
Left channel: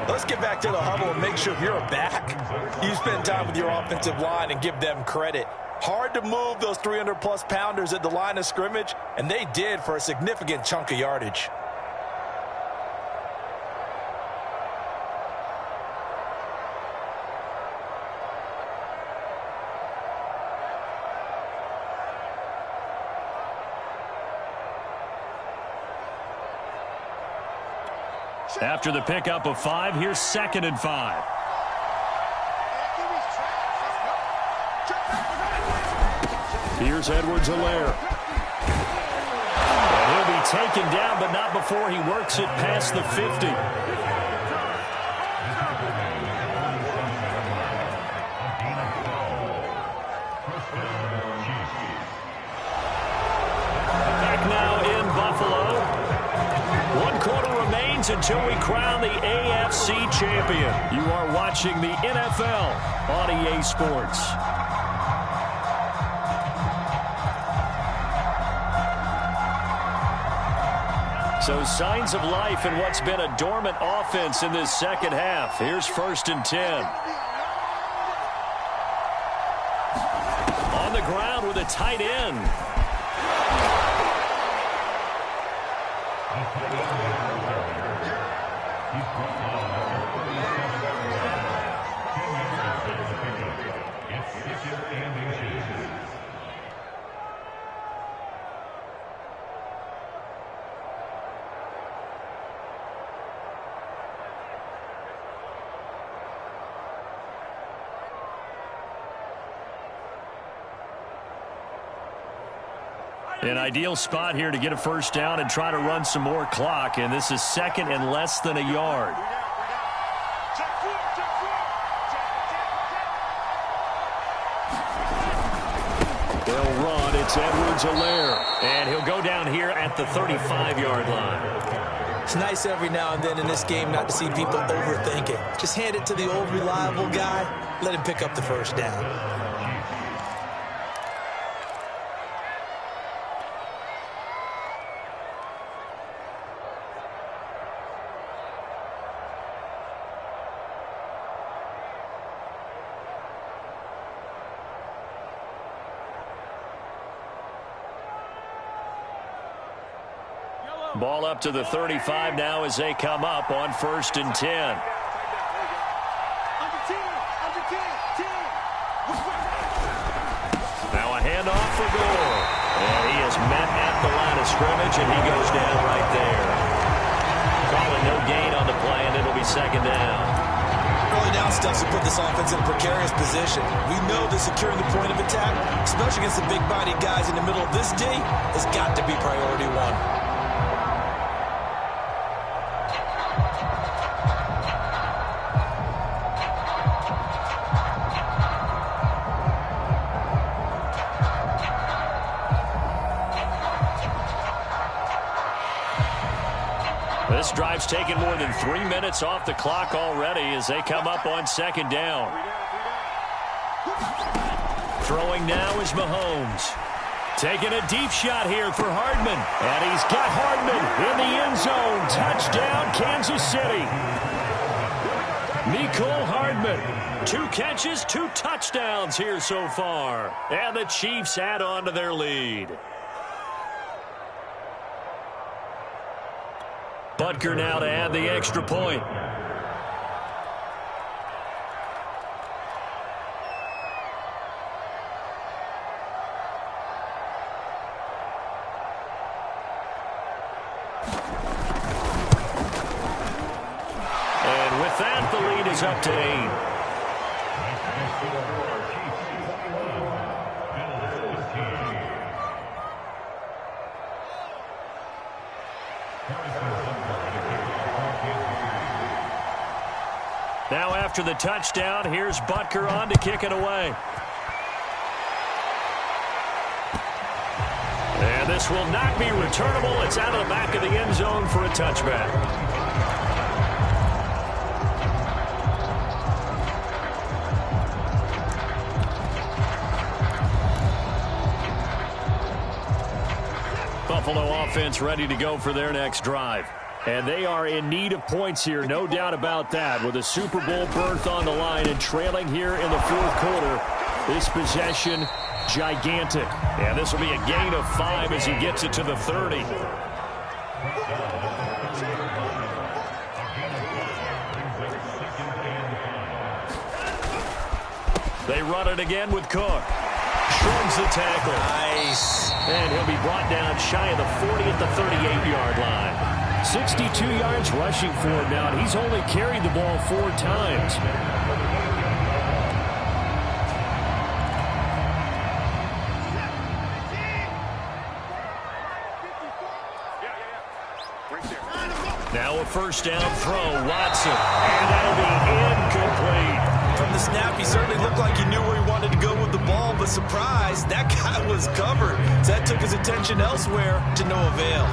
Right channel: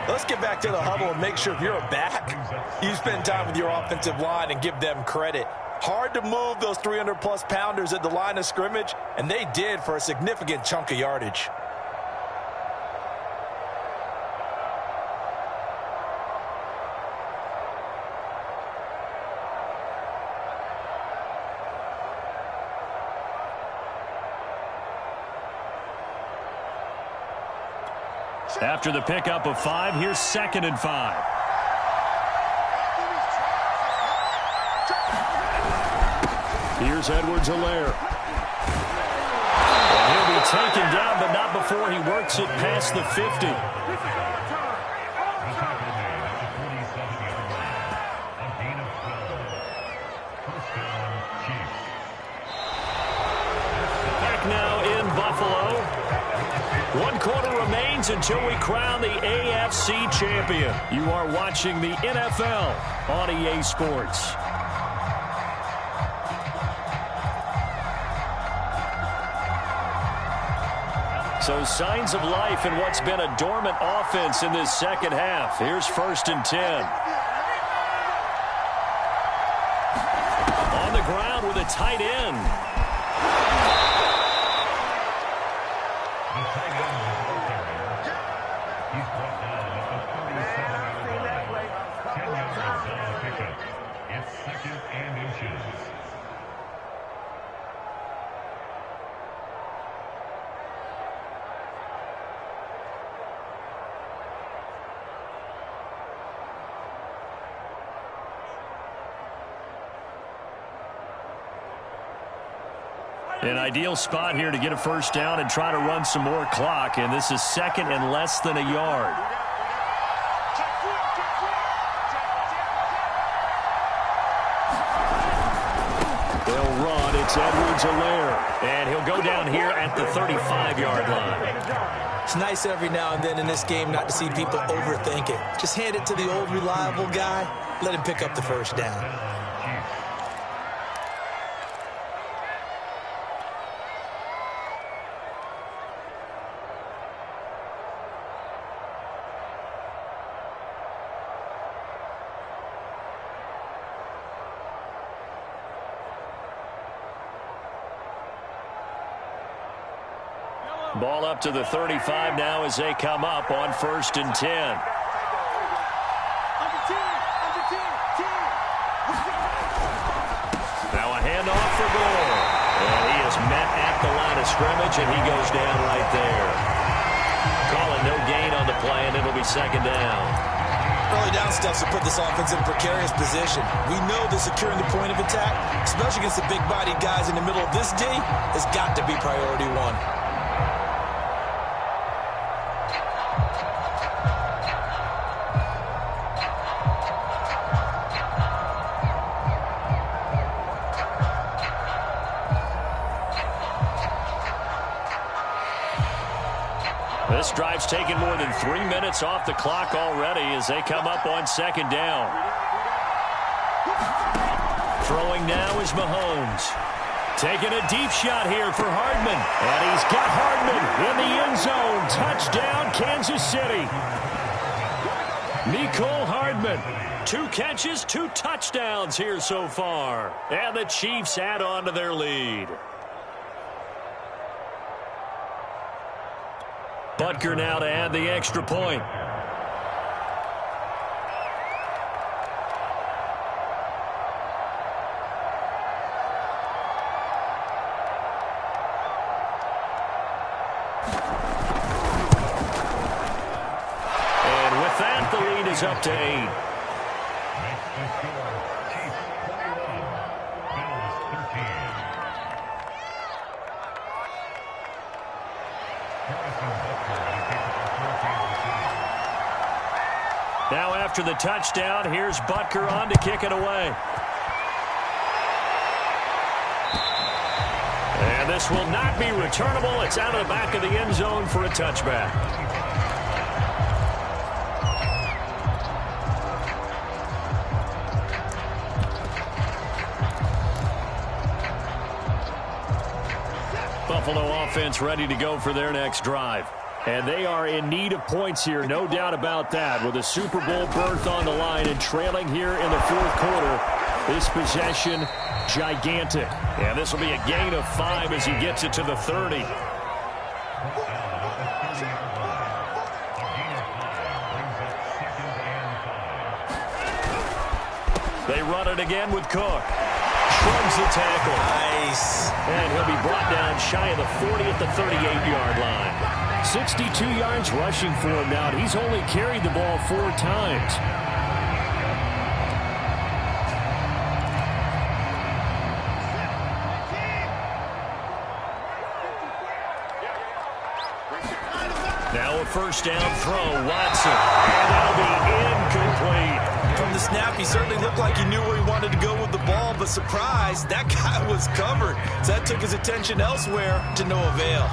Let's get back to the huddle and make sure if you're a back, you spend time with your offensive line and give them credit. Hard to move those 300-plus pounders at the line of scrimmage, and they did for a significant chunk of yardage. After the pickup of 5, here's 2nd and 5. Here's Edwards-Helaire. And he'll be taken down, but not before he works it past the 50. Back now in Buffalo. 1 quarter remains until we crown the AFC champion. You are watching the NFL on EA Sports. So signs of life in what's been a dormant offense in this second half. Here's 1st and 10. On the ground with a tight end. An ideal spot here to get a first down and try to run some more clock, and this is 2nd and less than a yard. They'll run. It's Edwards-Helaire, and he'll go down here at the 35-yard line. It's nice every now and then in this game not to see people overthink it. Just hand it to the old reliable guy. Let him pick up the first down. Ball up to the 35 now as they come up on 1st and 10. Now a handoff for Gore. And he is met at the line of scrimmage, and he goes down right there. Calling no gain on the play, and it'll be 2nd down. Early down steps will put this offense in a precarious position. We know that securing the point of attack, especially against the big-bodied guys in the middle of this D, has got to be priority 1. This drive's taken more than 3 minutes off the clock already as they come up on second down. Throwing now is Mahomes. Taking a deep shot here for Hardman. And he's got Hardman in the end zone. Touchdown, Kansas City. Mecole Hardman. 2 catches, 2 touchdowns here so far. And the Chiefs add on to their lead. Butker now to add the extra point. And with that, the lead is up to 8. Now after the touchdown, here's Butker on to kick it away. And this will not be returnable. It's out of the back of the end zone for a touchback. Buffalo offense ready to go for their next drive. And they are in need of points here, no doubt about that, with a Super Bowl berth on the line and trailing here in the fourth quarter. This possession, gigantic. And this will be a gain of 5 as he gets it to the 30. They run it again with Cook. Shrugs the tackle. Nice. And he'll be brought down shy of the 40 at the 38-yard line. 62 yards rushing for him now, and he's only carried the ball 4 times. Now a first down throw, Watson. And that'll be incomplete. From the snap, he certainly looked like he knew where he wanted to go with the ball, but surprise, that guy was covered. So that took his attention elsewhere to no avail.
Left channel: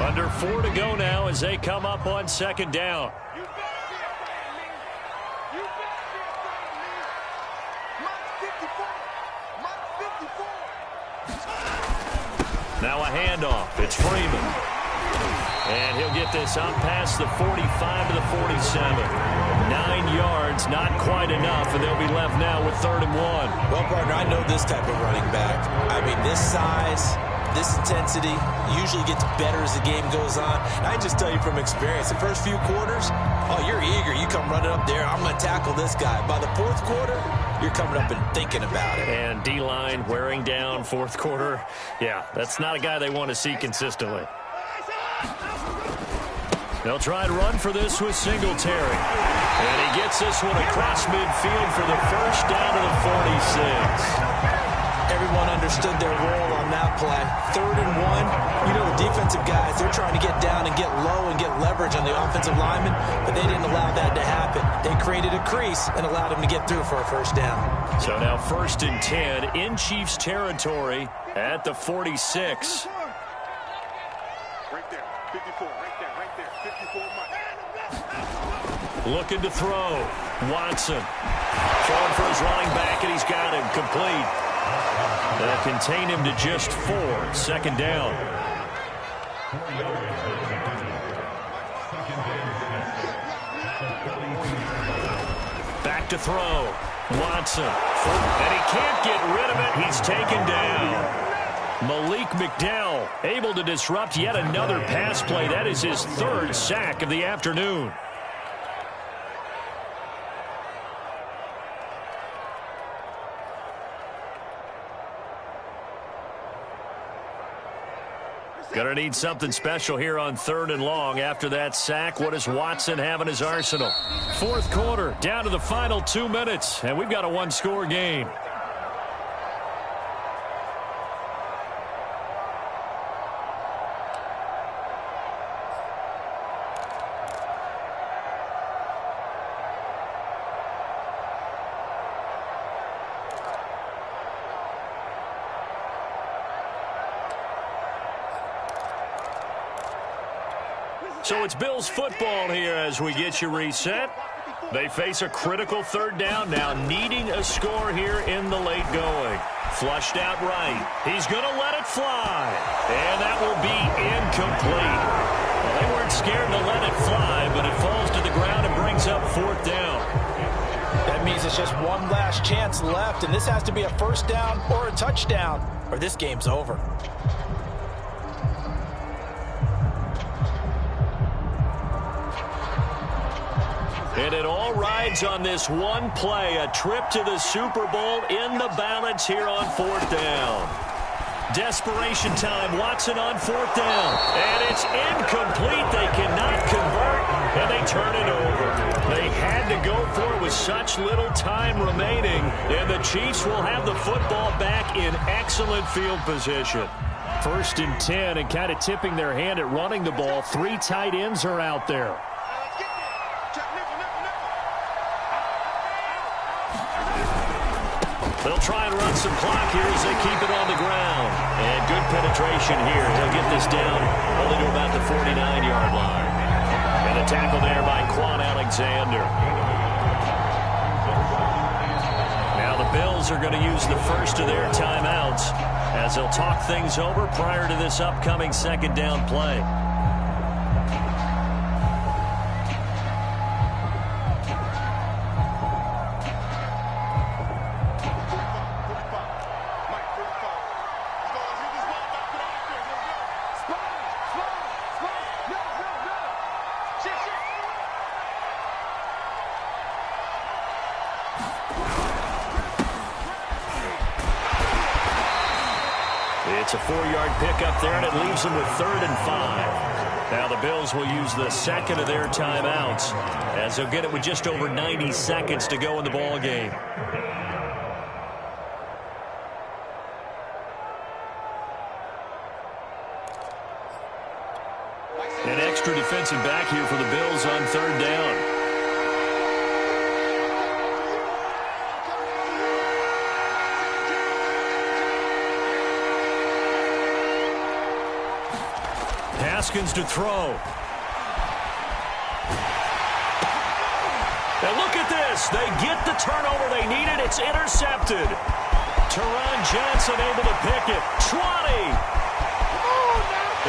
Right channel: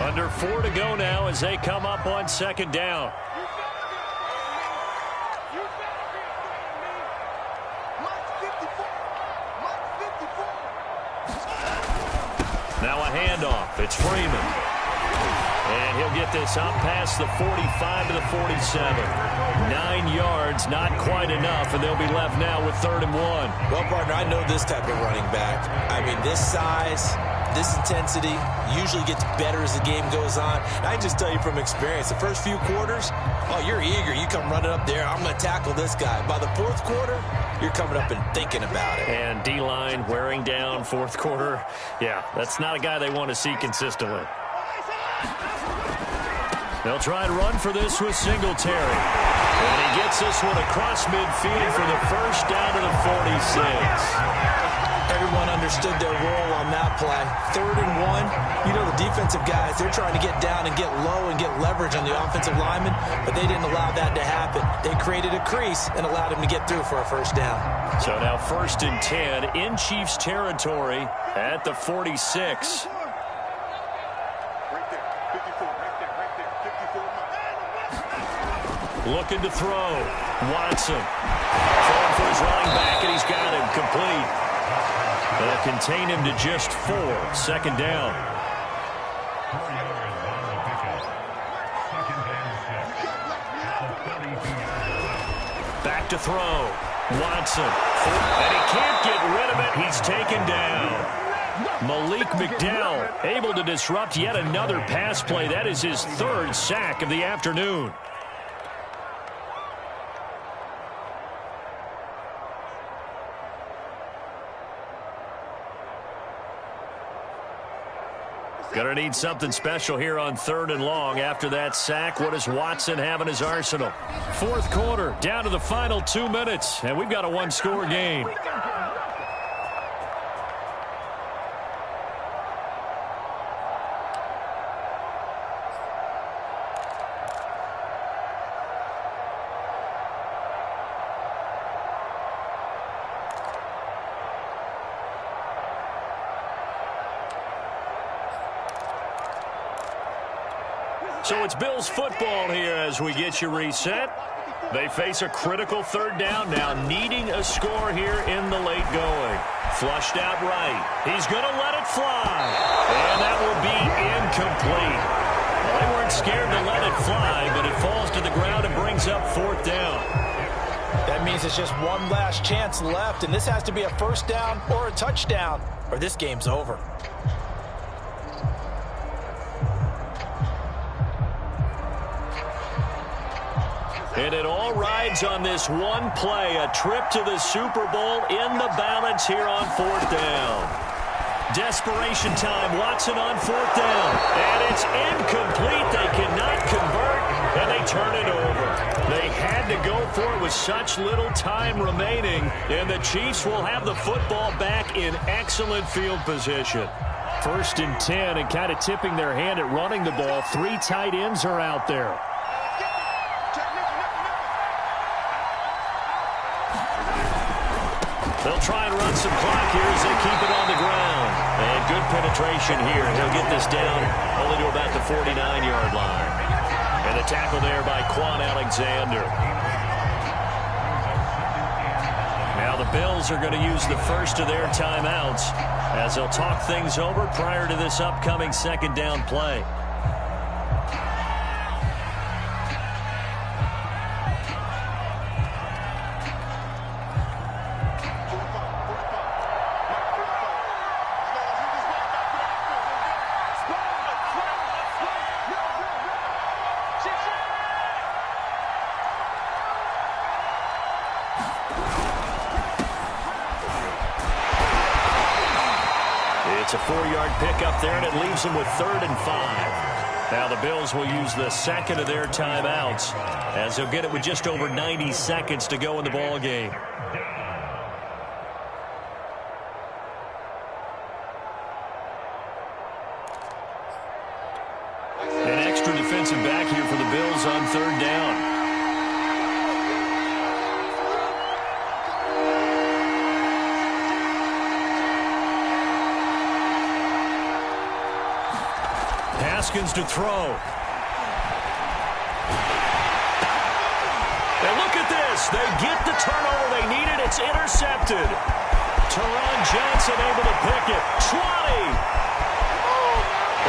Under 4 to go now as they come up on second down. You better be afraid of me. You better be afraid of me. Mark 54. Mark 54. Now a handoff. It's Freeman. And he'll get this up past the 45 to the 47. 9 yards, not quite enough, and they'll be left now with 3rd and 1. Well, partner, I know this type of running back. I mean, this size, this intensity usually gets better as the game goes on. And I just tell you from experience, the first few quarters, oh, you're eager. You come running up there, I'm going to tackle this guy. By the 4th quarter, you're coming up and thinking about it. And D-line wearing down 4th quarter. Yeah, that's not a guy they want to see consistently. They'll try to run for this with Singletary. And he gets this one across midfield for the first down to the 46. Everyone understood their role on that play. 3rd and 1. You know, the defensive guys, they're trying to get down and get low and get leverage on the offensive linemen, but they didn't allow that to happen. They created a crease and allowed him to get through for a first down. So now 1st and 10 in Chiefs territory at the 46. Right there. 54. Right there. Right there. 54 Mike. Looking to throw. Watson. Throwing for his running back, and he's got him complete. They'll contain him to just 4. 2nd down. Back to throw. Watson. And he can't get rid of it. He's taken down. Malik McDowell able to disrupt yet another pass play. That is his 3rd sack of the afternoon. Gonna need something special here on 3rd and long. After that sack, what does Watson have in his arsenal? 4th quarter, down to the final 2 minutes, and we've got a 1-score game. So it's Bills football here as we get you reset. They face a critical third down now, needing a score here in the late going. Flushed out right. He's going to let it fly. And that will be incomplete. Well, they weren't scared to let it fly, but it falls to the ground and brings up fourth down. That means it's just one last chance left, and this has to be a first down or a touchdown, or this game's over. And it all rides on this one play, a trip to the Super Bowl in the balance here on fourth down. Desperation time, Watson on fourth down. And it's incomplete. They cannot convert, and they turn it over. They had to go for it with such little time remaining, and the Chiefs will have the football back in excellent field position. 1st and 10, and kind of tipping their hand at running the ball. 3 tight ends are out there. They'll try and run some clock here as they keep it on the ground. And good penetration here. He'll get this down only to about the 49-yard line. And the tackle there by Quan Alexander. Now the Bills are going to use the first of their timeouts as they'll talk things over prior to this upcoming second down play. It's a 4-yard pickup there, and it leaves them with 3rd and 5. Now the Bills will use the second of their timeouts as they'll get it with just over 90 seconds to go in the ball game. An extra defensive back here for the Bills on 3rd down. Haskins to throw. And look at this. They get the turnover they needed. It's intercepted. Teron Johnson able to pick it. 20.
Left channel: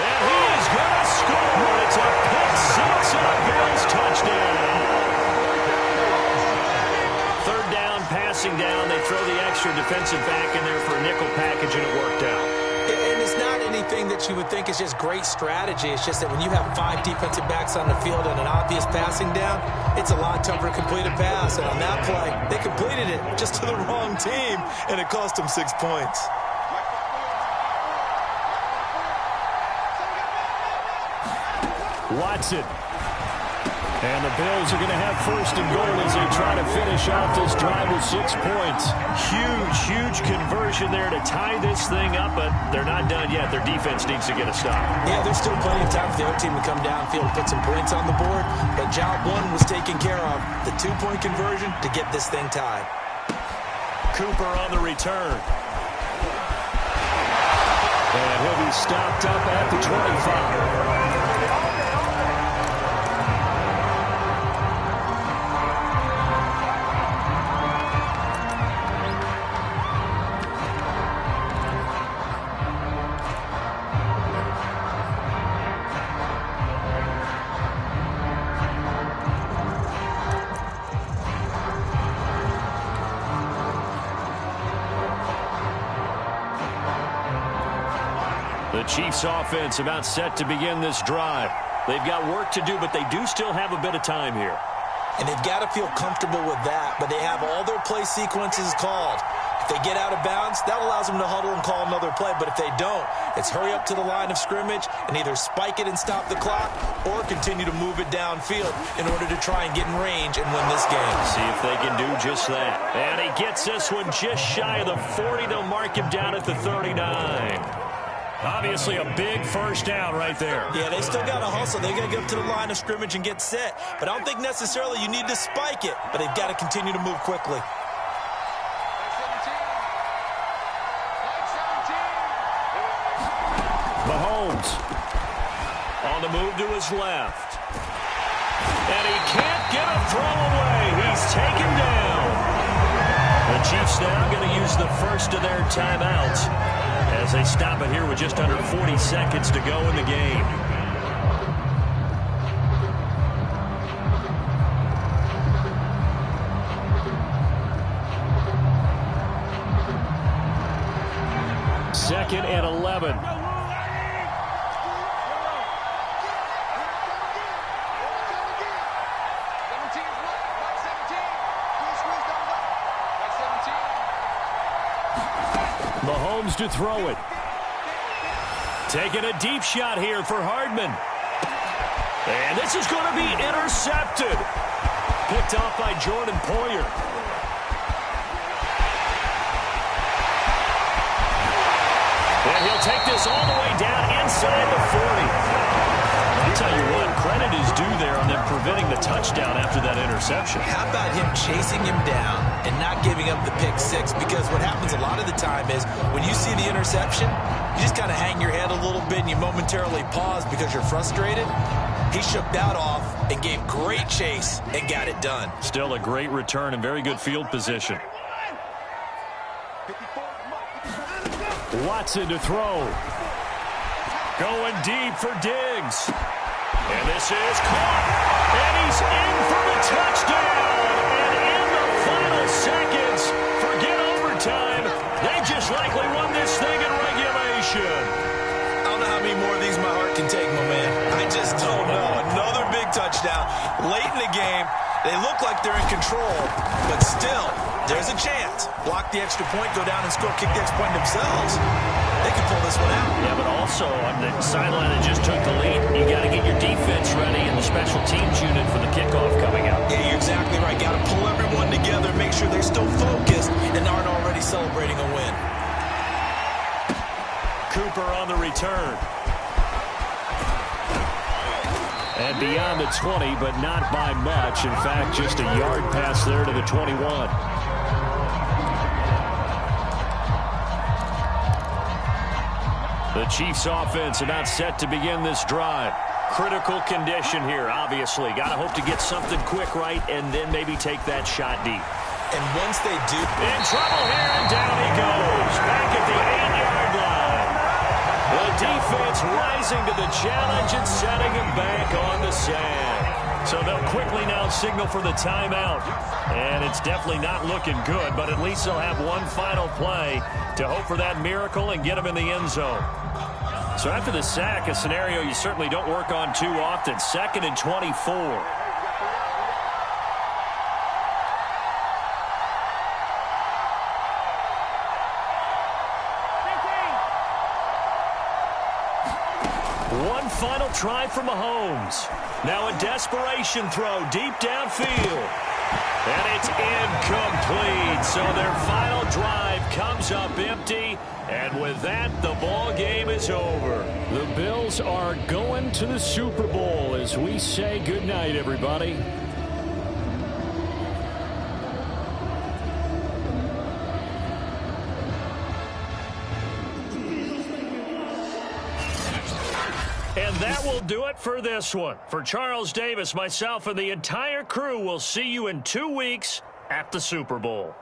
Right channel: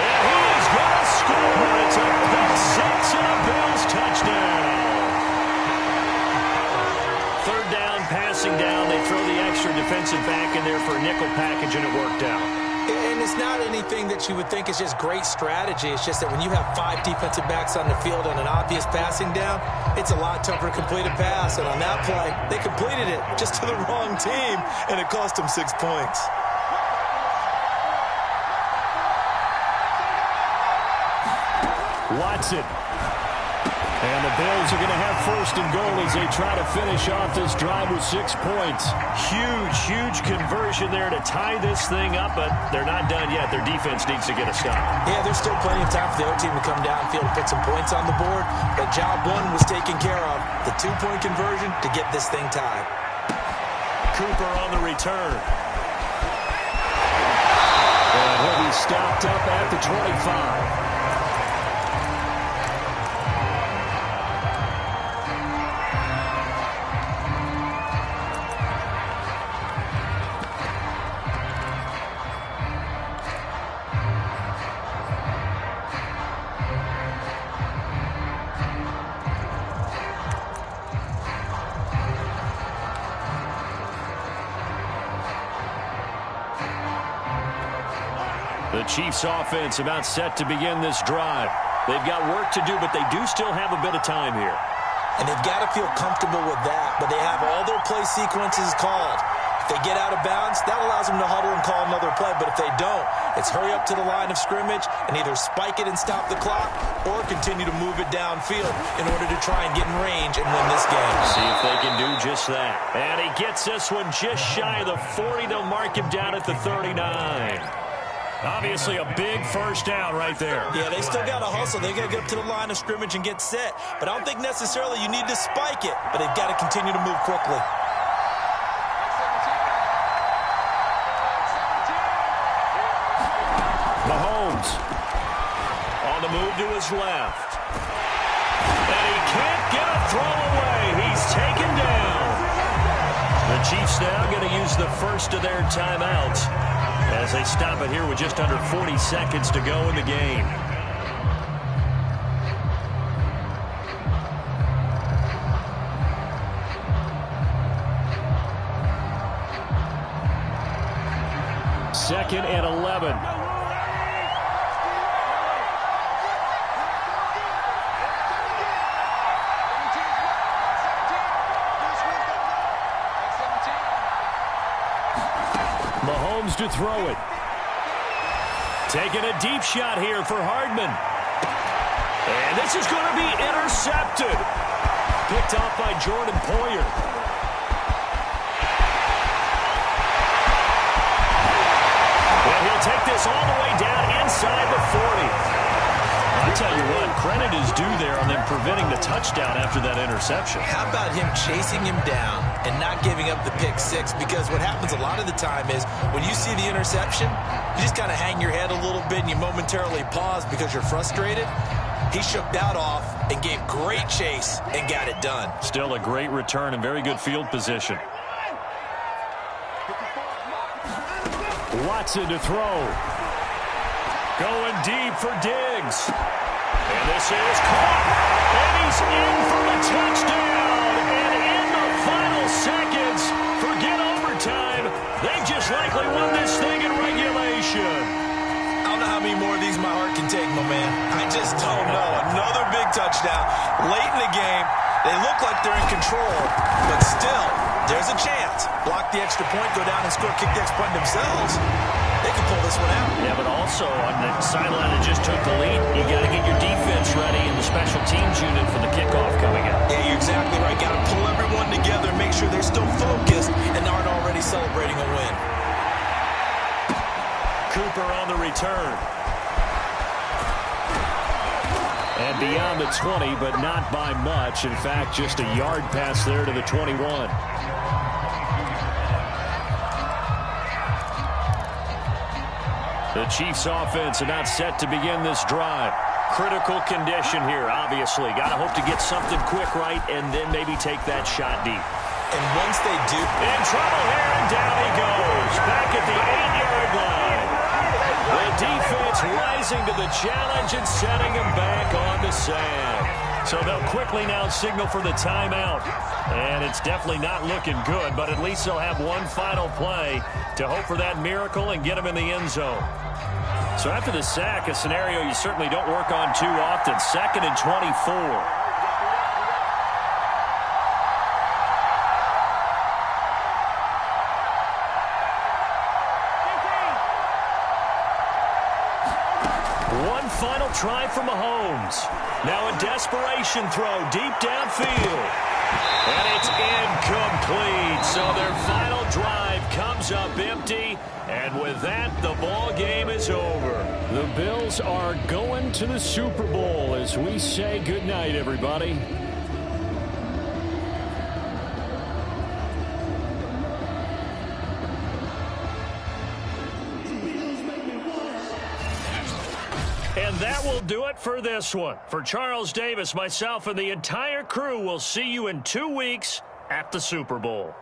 And he is going to score. It's a pick six and a Bills touchdown. 3rd down, passing down. They throw the extra defensive back in there for a nickel package, and it worked out. And it's not anything that you would think is just great strategy. It's just that when you have 5 defensive backs on the field and an obvious passing down, it's a lot tougher to complete a pass. And on that play, they completed it just to the wrong team, and it cost them 6 points. Watson. And the Bills are going to have 1st and goal as they try to finish off this drive with 6 points. Huge conversion there to tie this thing up, but they're not done yet. Their defense needs to get a stop. Yeah, there's still plenty of time for the other team to come downfield and put some points on the board, but job 1 was taken care of. The 2-point conversion to get this thing tied. Cooper on the return. And he'll be stopped up at the 25. The Chiefs offense about set to begin this drive. They've got work to do, but they do still have a bit of time here. And they've got to feel comfortable with that, but they have all their play sequences called. If they get out of bounds, that allows them to huddle and call another play. But if they don't, it's hurry up to the line of scrimmage and either spike it and stop the clock or continue to move it downfield in order to try and get in range and win this game. See if they can do just that. And he gets this one just shy of the 40. They'll mark him down at the 39. Obviously a big first down right there. Yeah, they still got to hustle. They got to get up to the line of scrimmage and get set. But I don't think necessarily you need to spike it, but they've got to continue to move quickly. Mahomes. On the move to his left. And he can't get a throw away. He's taken down. The Chiefs now going to use the first of their timeouts as they stop it here with just under 40 seconds to go in the game. Second and 11. Mahomes to throw it. Taking a deep shot here for Hardman. And this is going to be intercepted. Picked off by Jordan Poyer. And he'll take this all the way down inside the 40. I'll tell you what, credit is due there on them preventing the touchdown after that interception. How about him chasing him down and not giving up the pick six? Because what happens a lot of the time is when you see the interception, you just kind of hang your head a little bit and you momentarily pause because you're frustrated. He shook that off and gave great chase and got it done. Still a great return and very good field position. Watson to throw. Going deep for Diggs. And this is caught. And he's in for the touchdown. And in the final seconds, forget overtime. They just likely won this thing in regulation. I don't know how many more of these my heart can take, my man. I just don't know. Another big touchdown late in the game. They look like they're in control, but still, there's a chance. Block the extra point, go down and score, kick the extra point themselves. They can pull this one out. Yeah, but also on the sideline that just took the lead, you got to get your defense ready and the special teams unit for the kickoff coming up. Yeah, you're exactly right. Got to pull everyone together, make sure they're still focused and aren't already celebrating a win. Cooper on the return. And beyond the 20, but not by much. In fact, just a yard pass there to the 21. The Chiefs offense about set to begin this drive. Critical condition here, obviously. Got to hope to get something quick right and then maybe take that shot deep. And once they do... In trouble here, and down he goes. Back at the 8-yard line. The defense rising to the challenge and setting him back on the sand. So they'll quickly now signal for the timeout. And it's definitely not looking good, but at least they'll have one final play to hope for that miracle and get him in the end zone. So after the sack, a scenario you certainly don't work on too often. 2nd and 24. One final try for Mahomes. Now a desperation throw deep downfield. And it's incomplete. So their final drive comes up empty. And with that, the ball game is over. The Bills are going to the Super Bowl as we say goodnight, everybody. And that will do it for this one. For Charles Davis, myself, and the entire crew, will see you in 2 weeks at the Super Bowl.